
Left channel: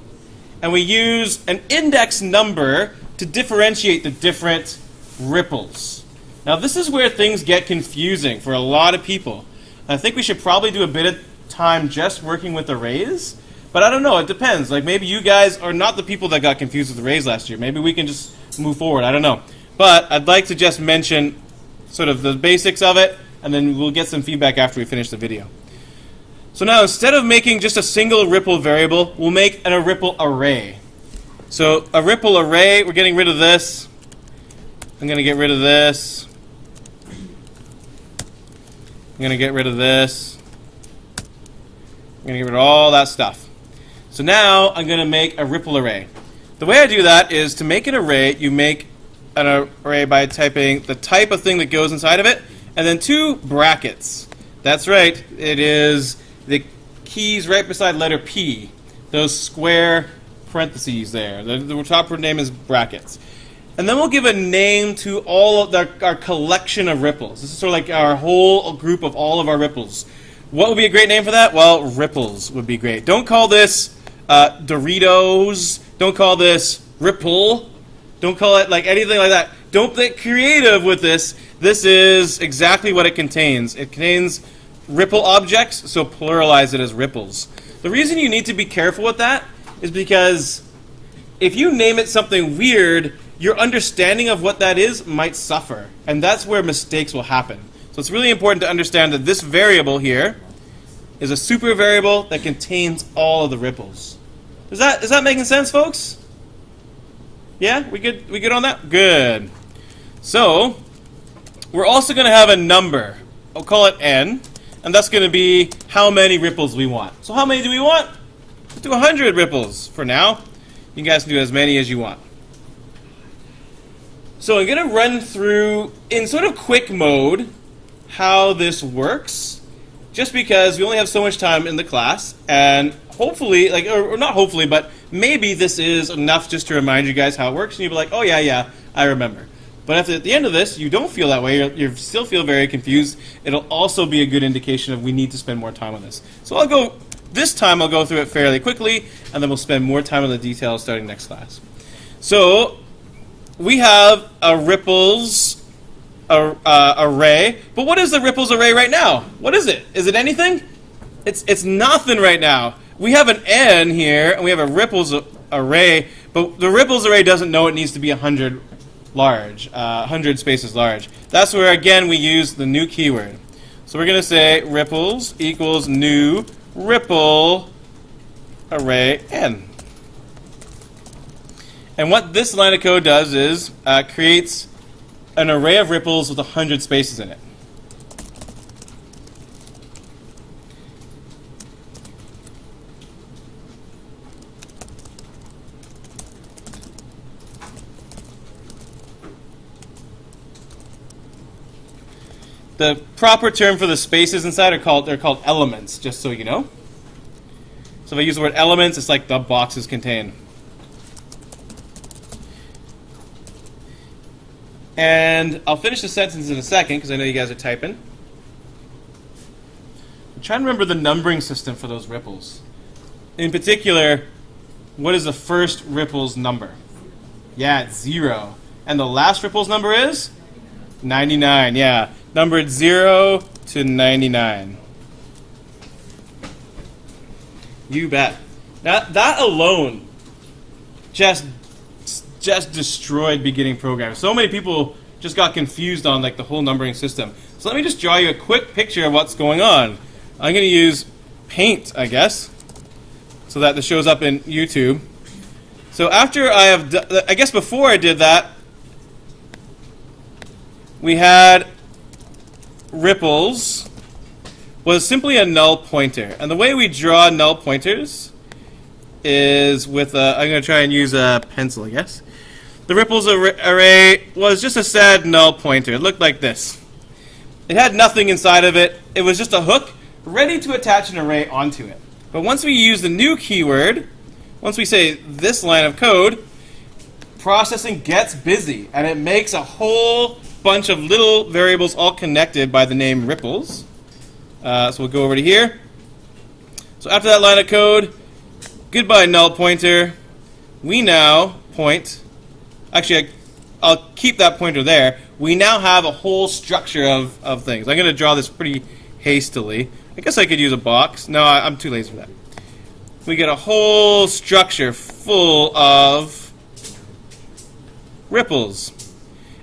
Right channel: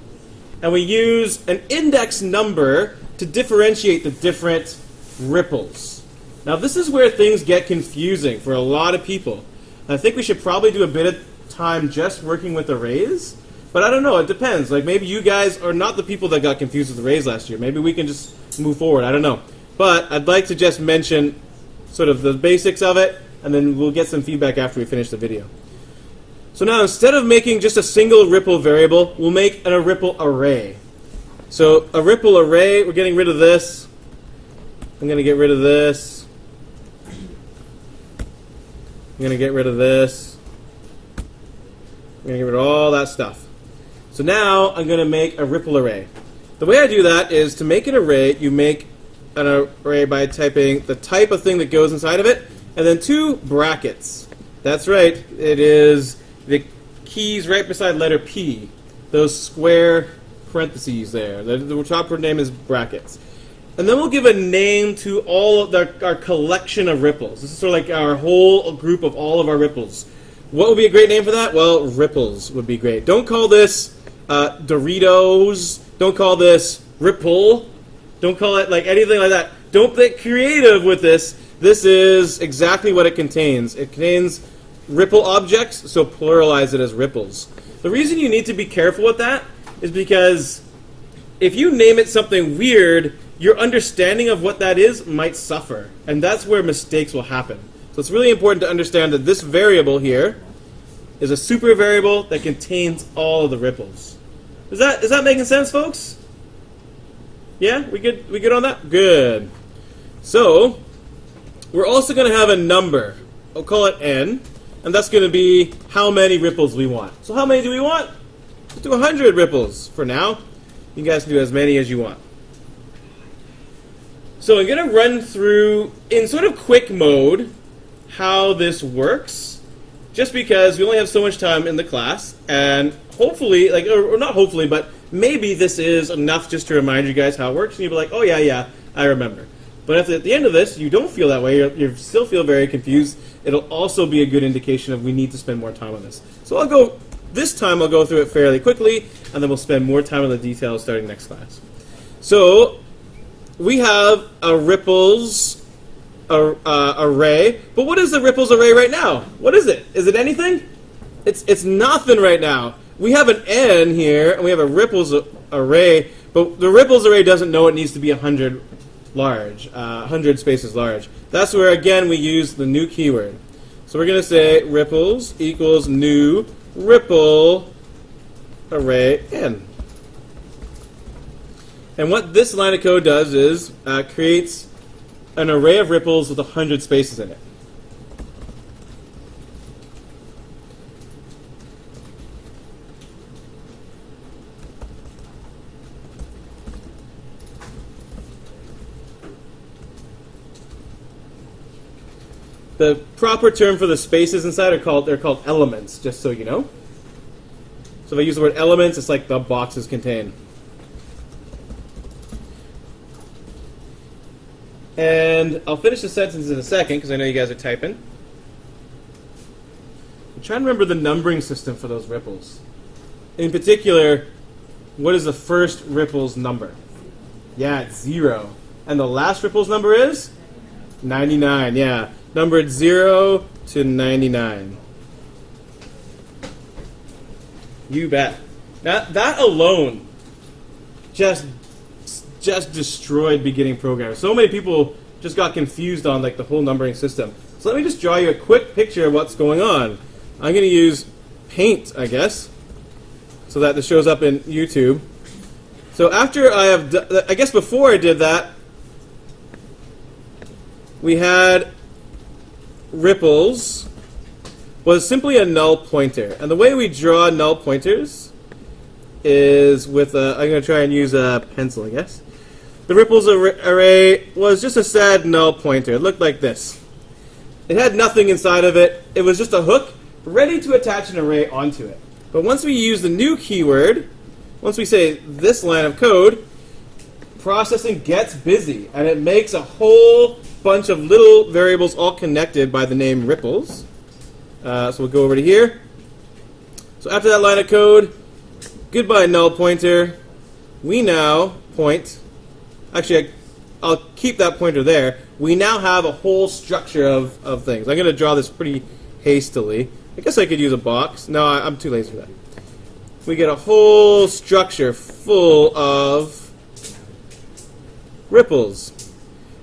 And we use an index number to differentiate the different ripples. Now this is where things get confusing for a lot of people. I think we should probably do a bit of time just working with arrays, but I don't know, it depends. Like maybe you guys are not the people that got confused with arrays last year. Maybe we can just move forward, I don't know. But I'd like to just mention sort of the basics of it, and then we'll get some feedback after we finish the video. So now instead of making just a single ripple variable, we'll make a ripple array. So a ripple array, we're getting rid of this. I'm going to get rid of this. I'm going to get rid of this. I'm going to get rid of all that stuff. So now I'm going to make a ripple array. The way I do that is to make an array, you make an array by typing the type of thing that goes inside of it, and then 2 brackets. That's right, it is the keys right beside letter P, those square parentheses there. The top name is brackets. And then we'll give a name to all of our collection of ripples. This is sort of like our whole group of all of our ripples. What would be a great name for that? Well, ripples would be great. Don't call this Doritos. Don't call this Ripple. Don't call it like anything like that. Don't get creative with this. This is exactly what it contains. It contains ripple objects, so pluralize it as ripples. The reason you need to be careful with that is because if you name it something weird, your understanding of what that is might suffer. And that's where mistakes will happen. So it's really important to understand that this variable here is a super variable that contains all of the ripples. Is that making sense, folks? Yeah? We good on that? Good. So, we're also going to have a number. I'll call it n. And that's going to be how many ripples we want. So how many do we want? Let's do 100 ripples for now. You guys can do as many as you want. So I'm going to run through, in sort of quick mode, how this works. Just because we only have so much time in the class. And hopefully, or not hopefully, but maybe this is enough just to remind you guys how it works. And you'll be like, oh yeah, I remember. But if at the end of this you don't feel that way, you still feel very confused, it'll also be a good indication of we need to spend more time on this. So this time I'll go through it fairly quickly, and then we'll spend more time on the details starting next class. So we have a ripples array, but what is the ripples array right now? What is it? Is it anything? It's nothing right now. We have an n here, and we have a ripples array, but the ripples array doesn't know it needs to be 100 large, 100 spaces large. That's where, again, we use the new keyword. So we're going to say ripples equals new ripple array n. And what this line of code does is creates an array of ripples with 100 spaces in it. The proper term for the spaces inside they're called elements, just so you know. So if I use the word elements, it's like the boxes contain. And I'll finish the sentence in a second because I know you guys are typing. I'm trying to remember the numbering system for those ripples. In particular, what is the first ripple's number? Yeah, it's 0. And the last ripple's number is? 99, yeah. Numbered 0 to 99. You bet. That alone just destroyed beginning programming. So many people just got confused on the whole numbering system. So let me just draw you a quick picture of what's going on. I'm going to use Paint, I guess, so that this shows up in YouTube. So after I guess before I did that, we had ripples was simply a null pointer. And the way we draw null pointers is with I'm going to try and use a pencil, I guess. The ripples array was just a sad null pointer. It looked like this. It had nothing inside of it. It was just a hook ready to attach an array onto it. But once we use the new keyword, once we say this line of code, processing gets busy, and it makes a whole bunch of little variables all connected by the name ripples. So we'll go over to here. So after that line of code, goodbye null pointer. We now point. Actually, I'll keep that pointer there. We now have a whole structure of things. I'm going to draw this pretty hastily. I guess I could use a box. No, I'm too lazy for that. We get a whole structure full of ripples.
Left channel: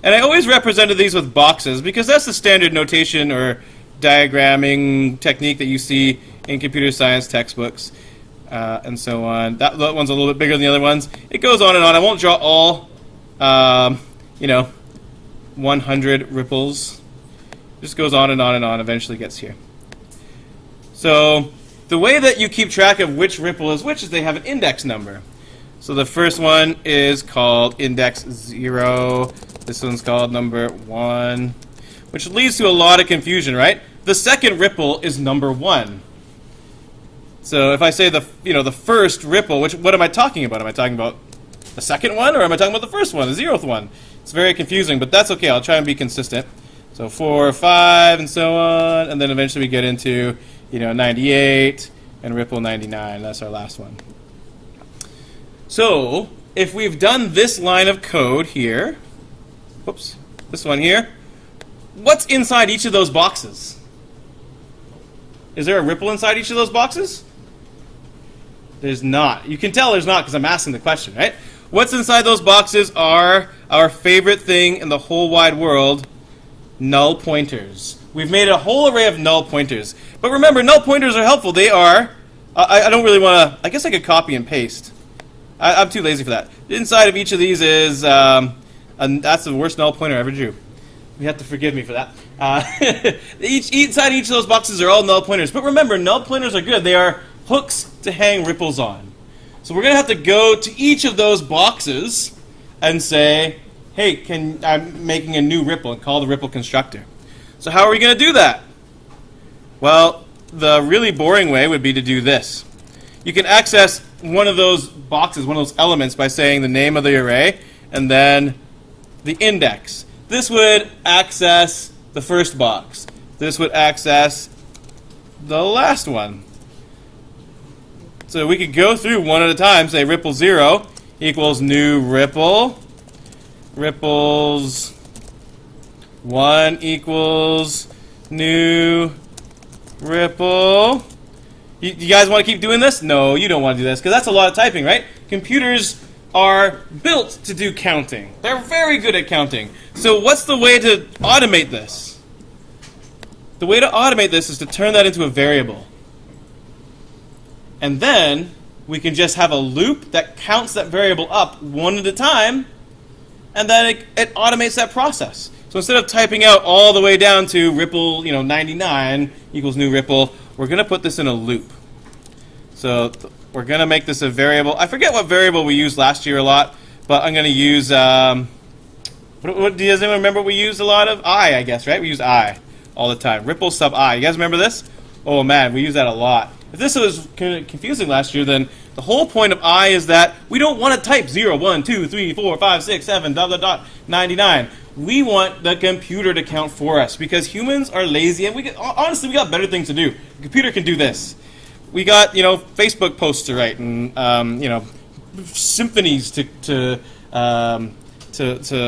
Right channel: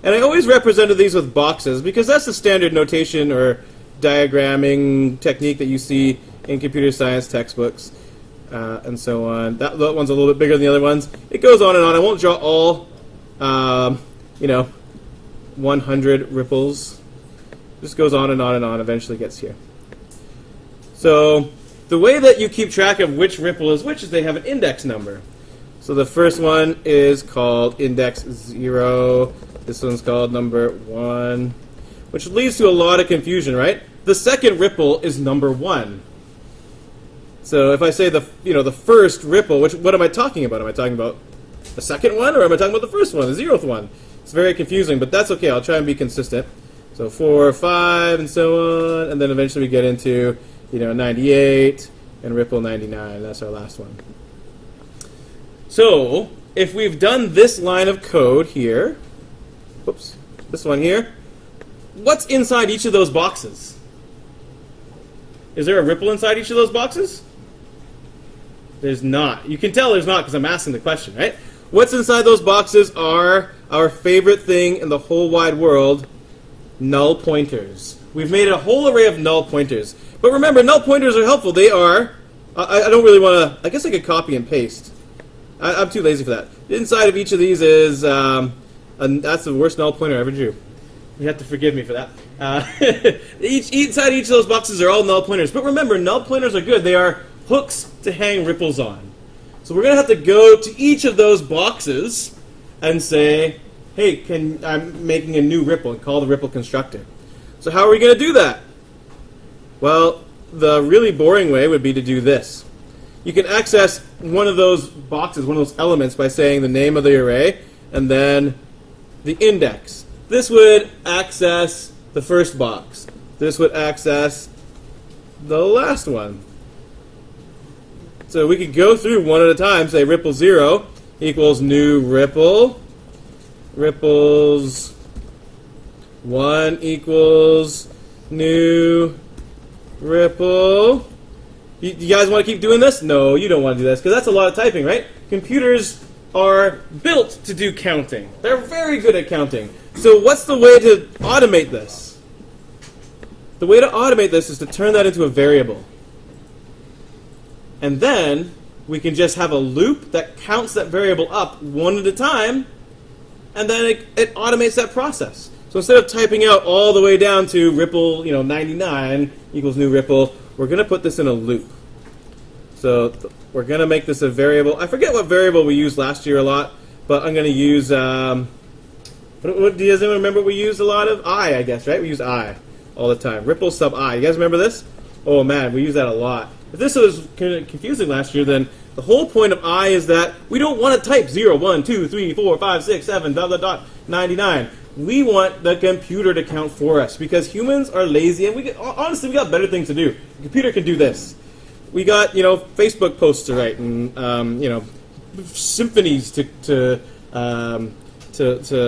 And I always represented these with boxes because that's the standard notation or diagramming technique that you see in computer science textbooks and so on. That one's a little bit bigger than the other ones. It goes on and on. I won't draw all, 100 ripples. Just goes on and on and on. Eventually gets here. So the way that you keep track of which ripple is which is they have an index number. So the first one is called index 0. This one's called number 1, which leads to a lot of confusion, right? The second ripple is number 1. So if I say the first ripple, what am I talking about? Am I talking about the second one, or am I talking about the first one, the 0th one? It's very confusing, but that's okay. I'll try and be consistent. So 4, 5, and so on, and then eventually we get into 98 and ripple 99. That's our last one. So if we've done this line of code here, whoops, this one here, what's inside each of those boxes? Is there a ripple inside each of those boxes? There's not. You can tell there's not because I'm asking the question, right? what's inside those boxes are our favorite thing in the whole wide world, null pointers. We've made a whole array of null pointers. But remember, null pointers are helpful. They are, I don't really want to, I guess I could copy and paste. I'm too lazy for that. Inside of each of these is, and that's the worst null pointer I ever drew. You have to forgive me for that. Inside each of those boxes are all null pointers. But remember, null pointers are good. They are hooks to hang ripples on. So we're going to have to go to each of those boxes and say, hey, I'm making a new ripple, and call the ripple constructor. So how are we going to do that? Well, the really boring way would be to do this. You can access one of those boxes, one of those elements, by saying the name of the array and then the index. This would access the first box. This would access the last one. So we could go through one at a time, say ripple 0 equals new ripple. Ripples 1 equals new ripple. You guys want to keep doing this? No, you don't want to do this, because that's a lot of typing, right? Computers are built to do counting. They're very good at counting. So what's the way to automate this? The way to automate this is to turn that into a variable. And then we can just have a loop that counts that variable up one at a time, and then it automates that process. So instead of typing out all the way down to ripple, 99 equals new ripple, we're going to put this in a loop. So we're going to make this a variable. I forget what variable we used last year a lot, but I'm going to use, does anyone remember what we used a lot of? I guess, right? We use I all the time. Ripple sub I. You guys remember this? Oh man, we use that a lot. If this was confusing last year, then the whole point of I is that we don't want to type 0, 1, 2, 3, 4, 5, 6, 7, ... 99. We want the computer to count for us, because humans are lazy, and honestly, we got better things to do. The computer can do this. We got, Facebook posts to write, and symphonies to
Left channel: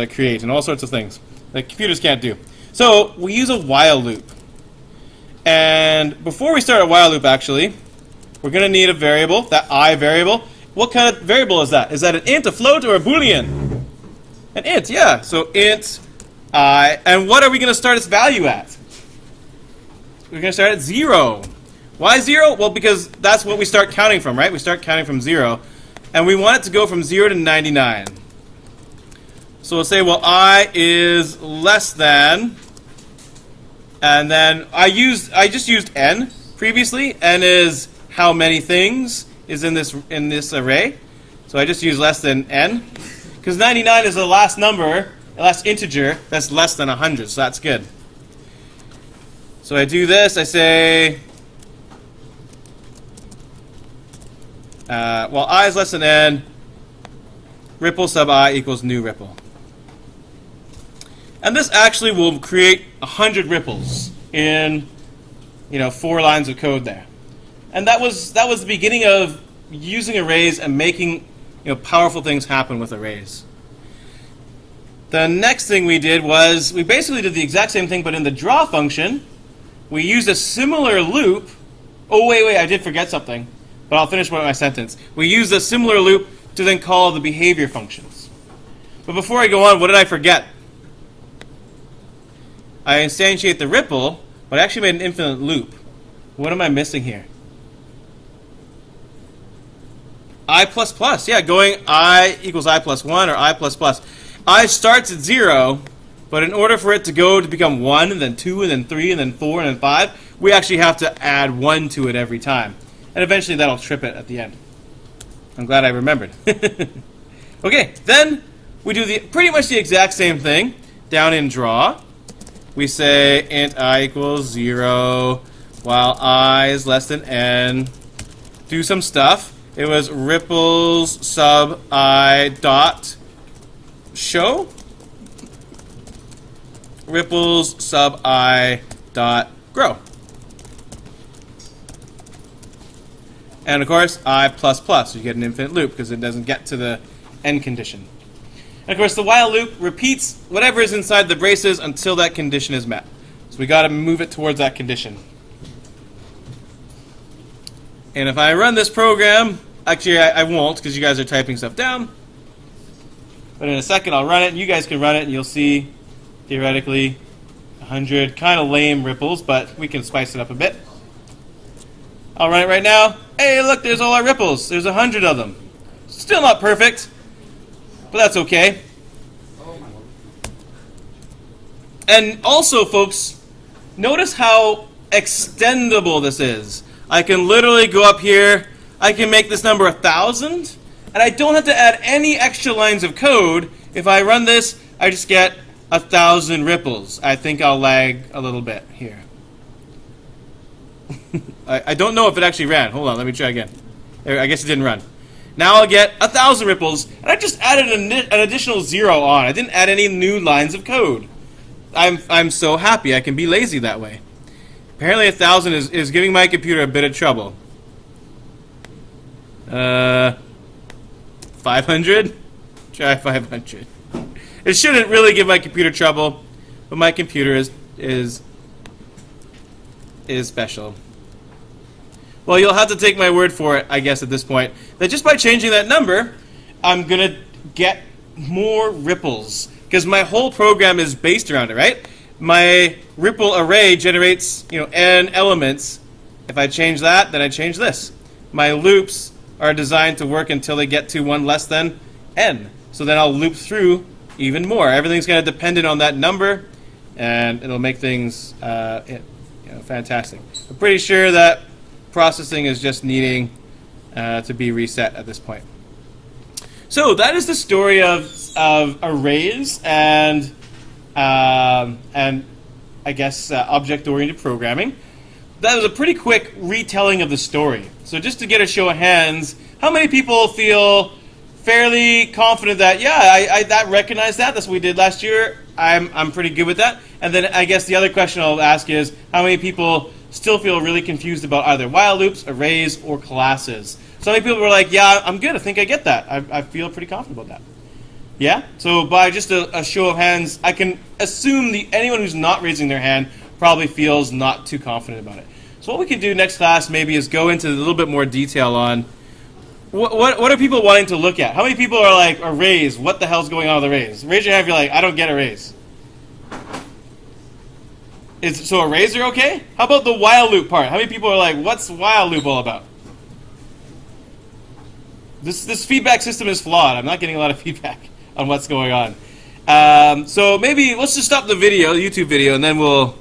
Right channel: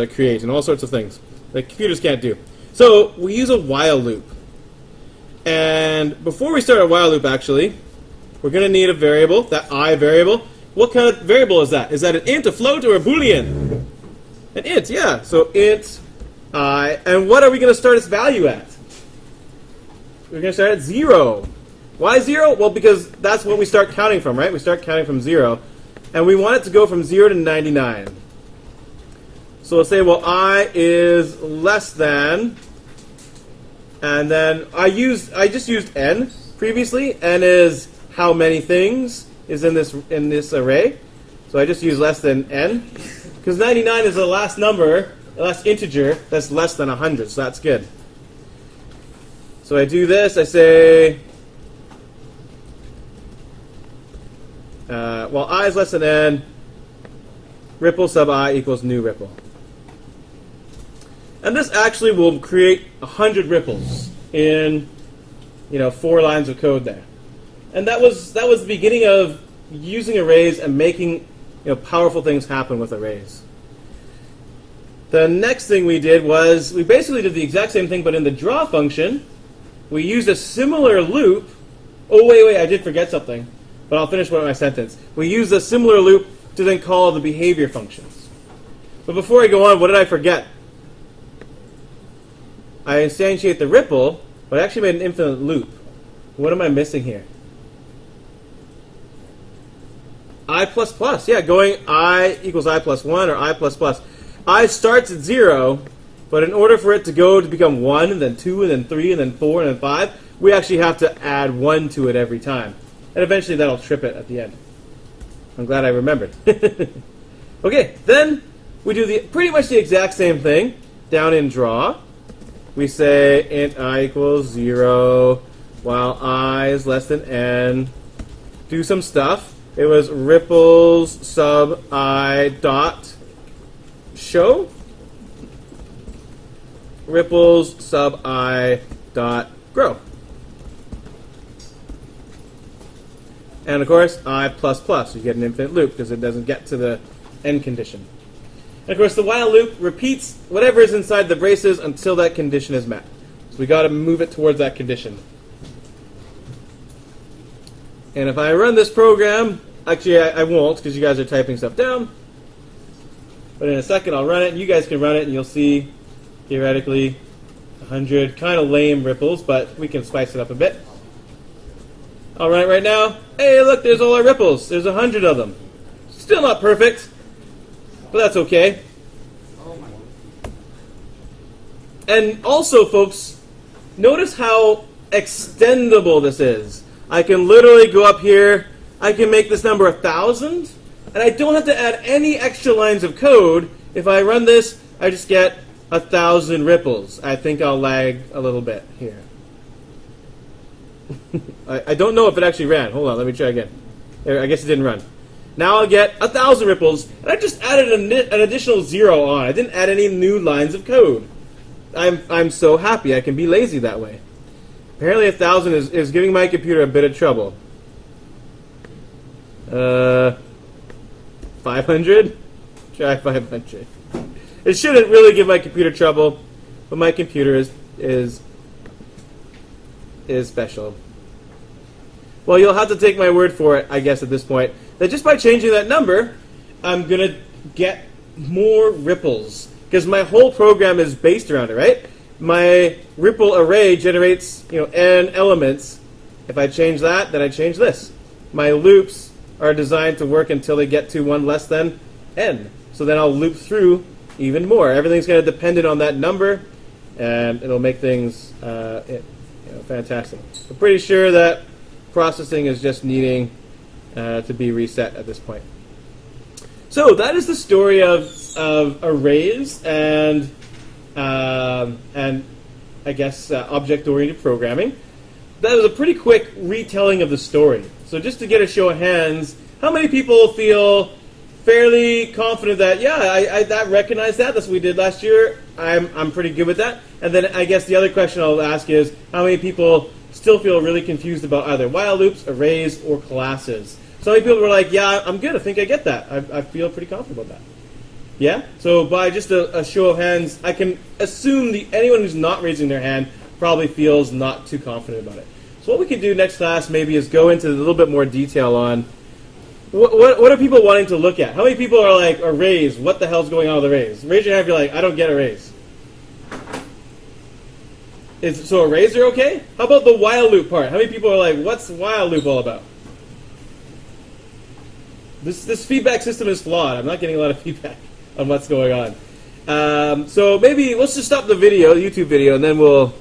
create, and all sorts of things that computers can't do. So we use a while loop. And before we start a while loop, actually, we're going to need a variable, that I variable. What kind of variable is that? Is that an int, a float, or a boolean? An int, yeah. So int I. And what are we going to start its value at? We're going to start at 0. Why 0? Well, because that's what we start counting from, right? We start counting from 0. And we want it to go from 0 to 99. So we'll say, well, I is less than, and then I just used n previously. N is how many things is in this array. So I just use less than n, because 99 is the last number, the last integer that's less than 100. So that's good. So I do this. I say, well, I is less than n, ripple sub I equals new ripple. And this actually will create 100 ripples in 4 lines of code there. And that was the beginning of using arrays and making powerful things happen with arrays. The next thing we did was we basically did the exact same thing, but in the draw function, we used a similar loop. Oh wait, I did forget something, but I'll finish with my sentence. We used a similar loop to then call the behavior functions. But before I go on, what did I forget? I instantiate the ripple, but I actually made an infinite loop. What am I missing here? I++, yeah, going I equals I plus 1 or I++. I starts at 0, but in order for it to go to become 1, and then 2, and then 3, and then 4, and then 5, we actually have to add 1 to it every time. And eventually that'll trip it at the end. I'm glad I remembered. Okay, then we do pretty much the exact same thing down in draw. We say int I equals 0, while I is less than n. Do some stuff. It was ripples sub I dot show. Ripples sub I dot grow. And of course, I++. You get an infinite loop because it doesn't get to the end condition. And of course, the while loop repeats whatever is inside the braces until that condition is met. So we got to move it towards that condition. And if I run this program, actually I won't, because you guys are typing stuff down. But in a second, I'll run it, and you guys can run it, and you'll see, theoretically, 100 kind of lame ripples, but we can spice it up a bit. I'll run it right now. Hey, look, there's all our ripples. There's 100 of them. Still not perfect, but that's okay. And also, folks, notice how extendable this is. I can literally go up here. I can make this number 1,000, and I don't have to add any extra lines of code. If I run this, I just get 1,000 ripples. I think I'll lag a little bit here. I don't know if it actually ran. Hold on, let me try again. There, I guess it didn't run. Now I'll get 1,000 ripples, and I just added an additional 0 on. I didn't add any new lines of code. I'm so happy I can be lazy that way. Apparently 1,000 is giving my computer a bit of trouble. 500? Try 500. It shouldn't really give my computer trouble, but my computer is special. Well, you'll have to take my word for it, I guess, at this point, that just by changing that number, I'm going to get more ripples. Because my whole program is based around it, right? My ripple array generates, n elements. If I change that, then I change this. My loops are designed to work until they get to 1 less than n. So then I'll loop through even more. Everything's going to depend on that number, and it'll make things fantastic. I'm pretty sure that processing is just needing to be reset at this point. So that is the story of arrays and I guess object-oriented programming. That was a pretty quick retelling of the story. So just to get a show of hands, how many people feel fairly confident that I recognize that? That's what we did last year. I'm pretty good with that. And then I guess the other question I'll ask is how many people still feel really confused about either while loops, arrays, or classes? So many people were like, yeah, I'm good. I think I get that. I feel pretty confident about that. Yeah? So by just a show of hands, I can assume anyone who's not raising their hand probably feels not too confident about it. So what we can do next class maybe is go into a little bit more detail on what are people wanting to look at? How many people are like, arrays, what the hell's going on with arrays? Raise your hand if you're like, I don't get arrays. So arrays are okay? How about the while loop part? How many people are like, what's while loop all about? This feedback system is flawed. I'm not getting a lot of feedback on what's going on. So maybe let's just stop the video, the YouTube video, and then we'll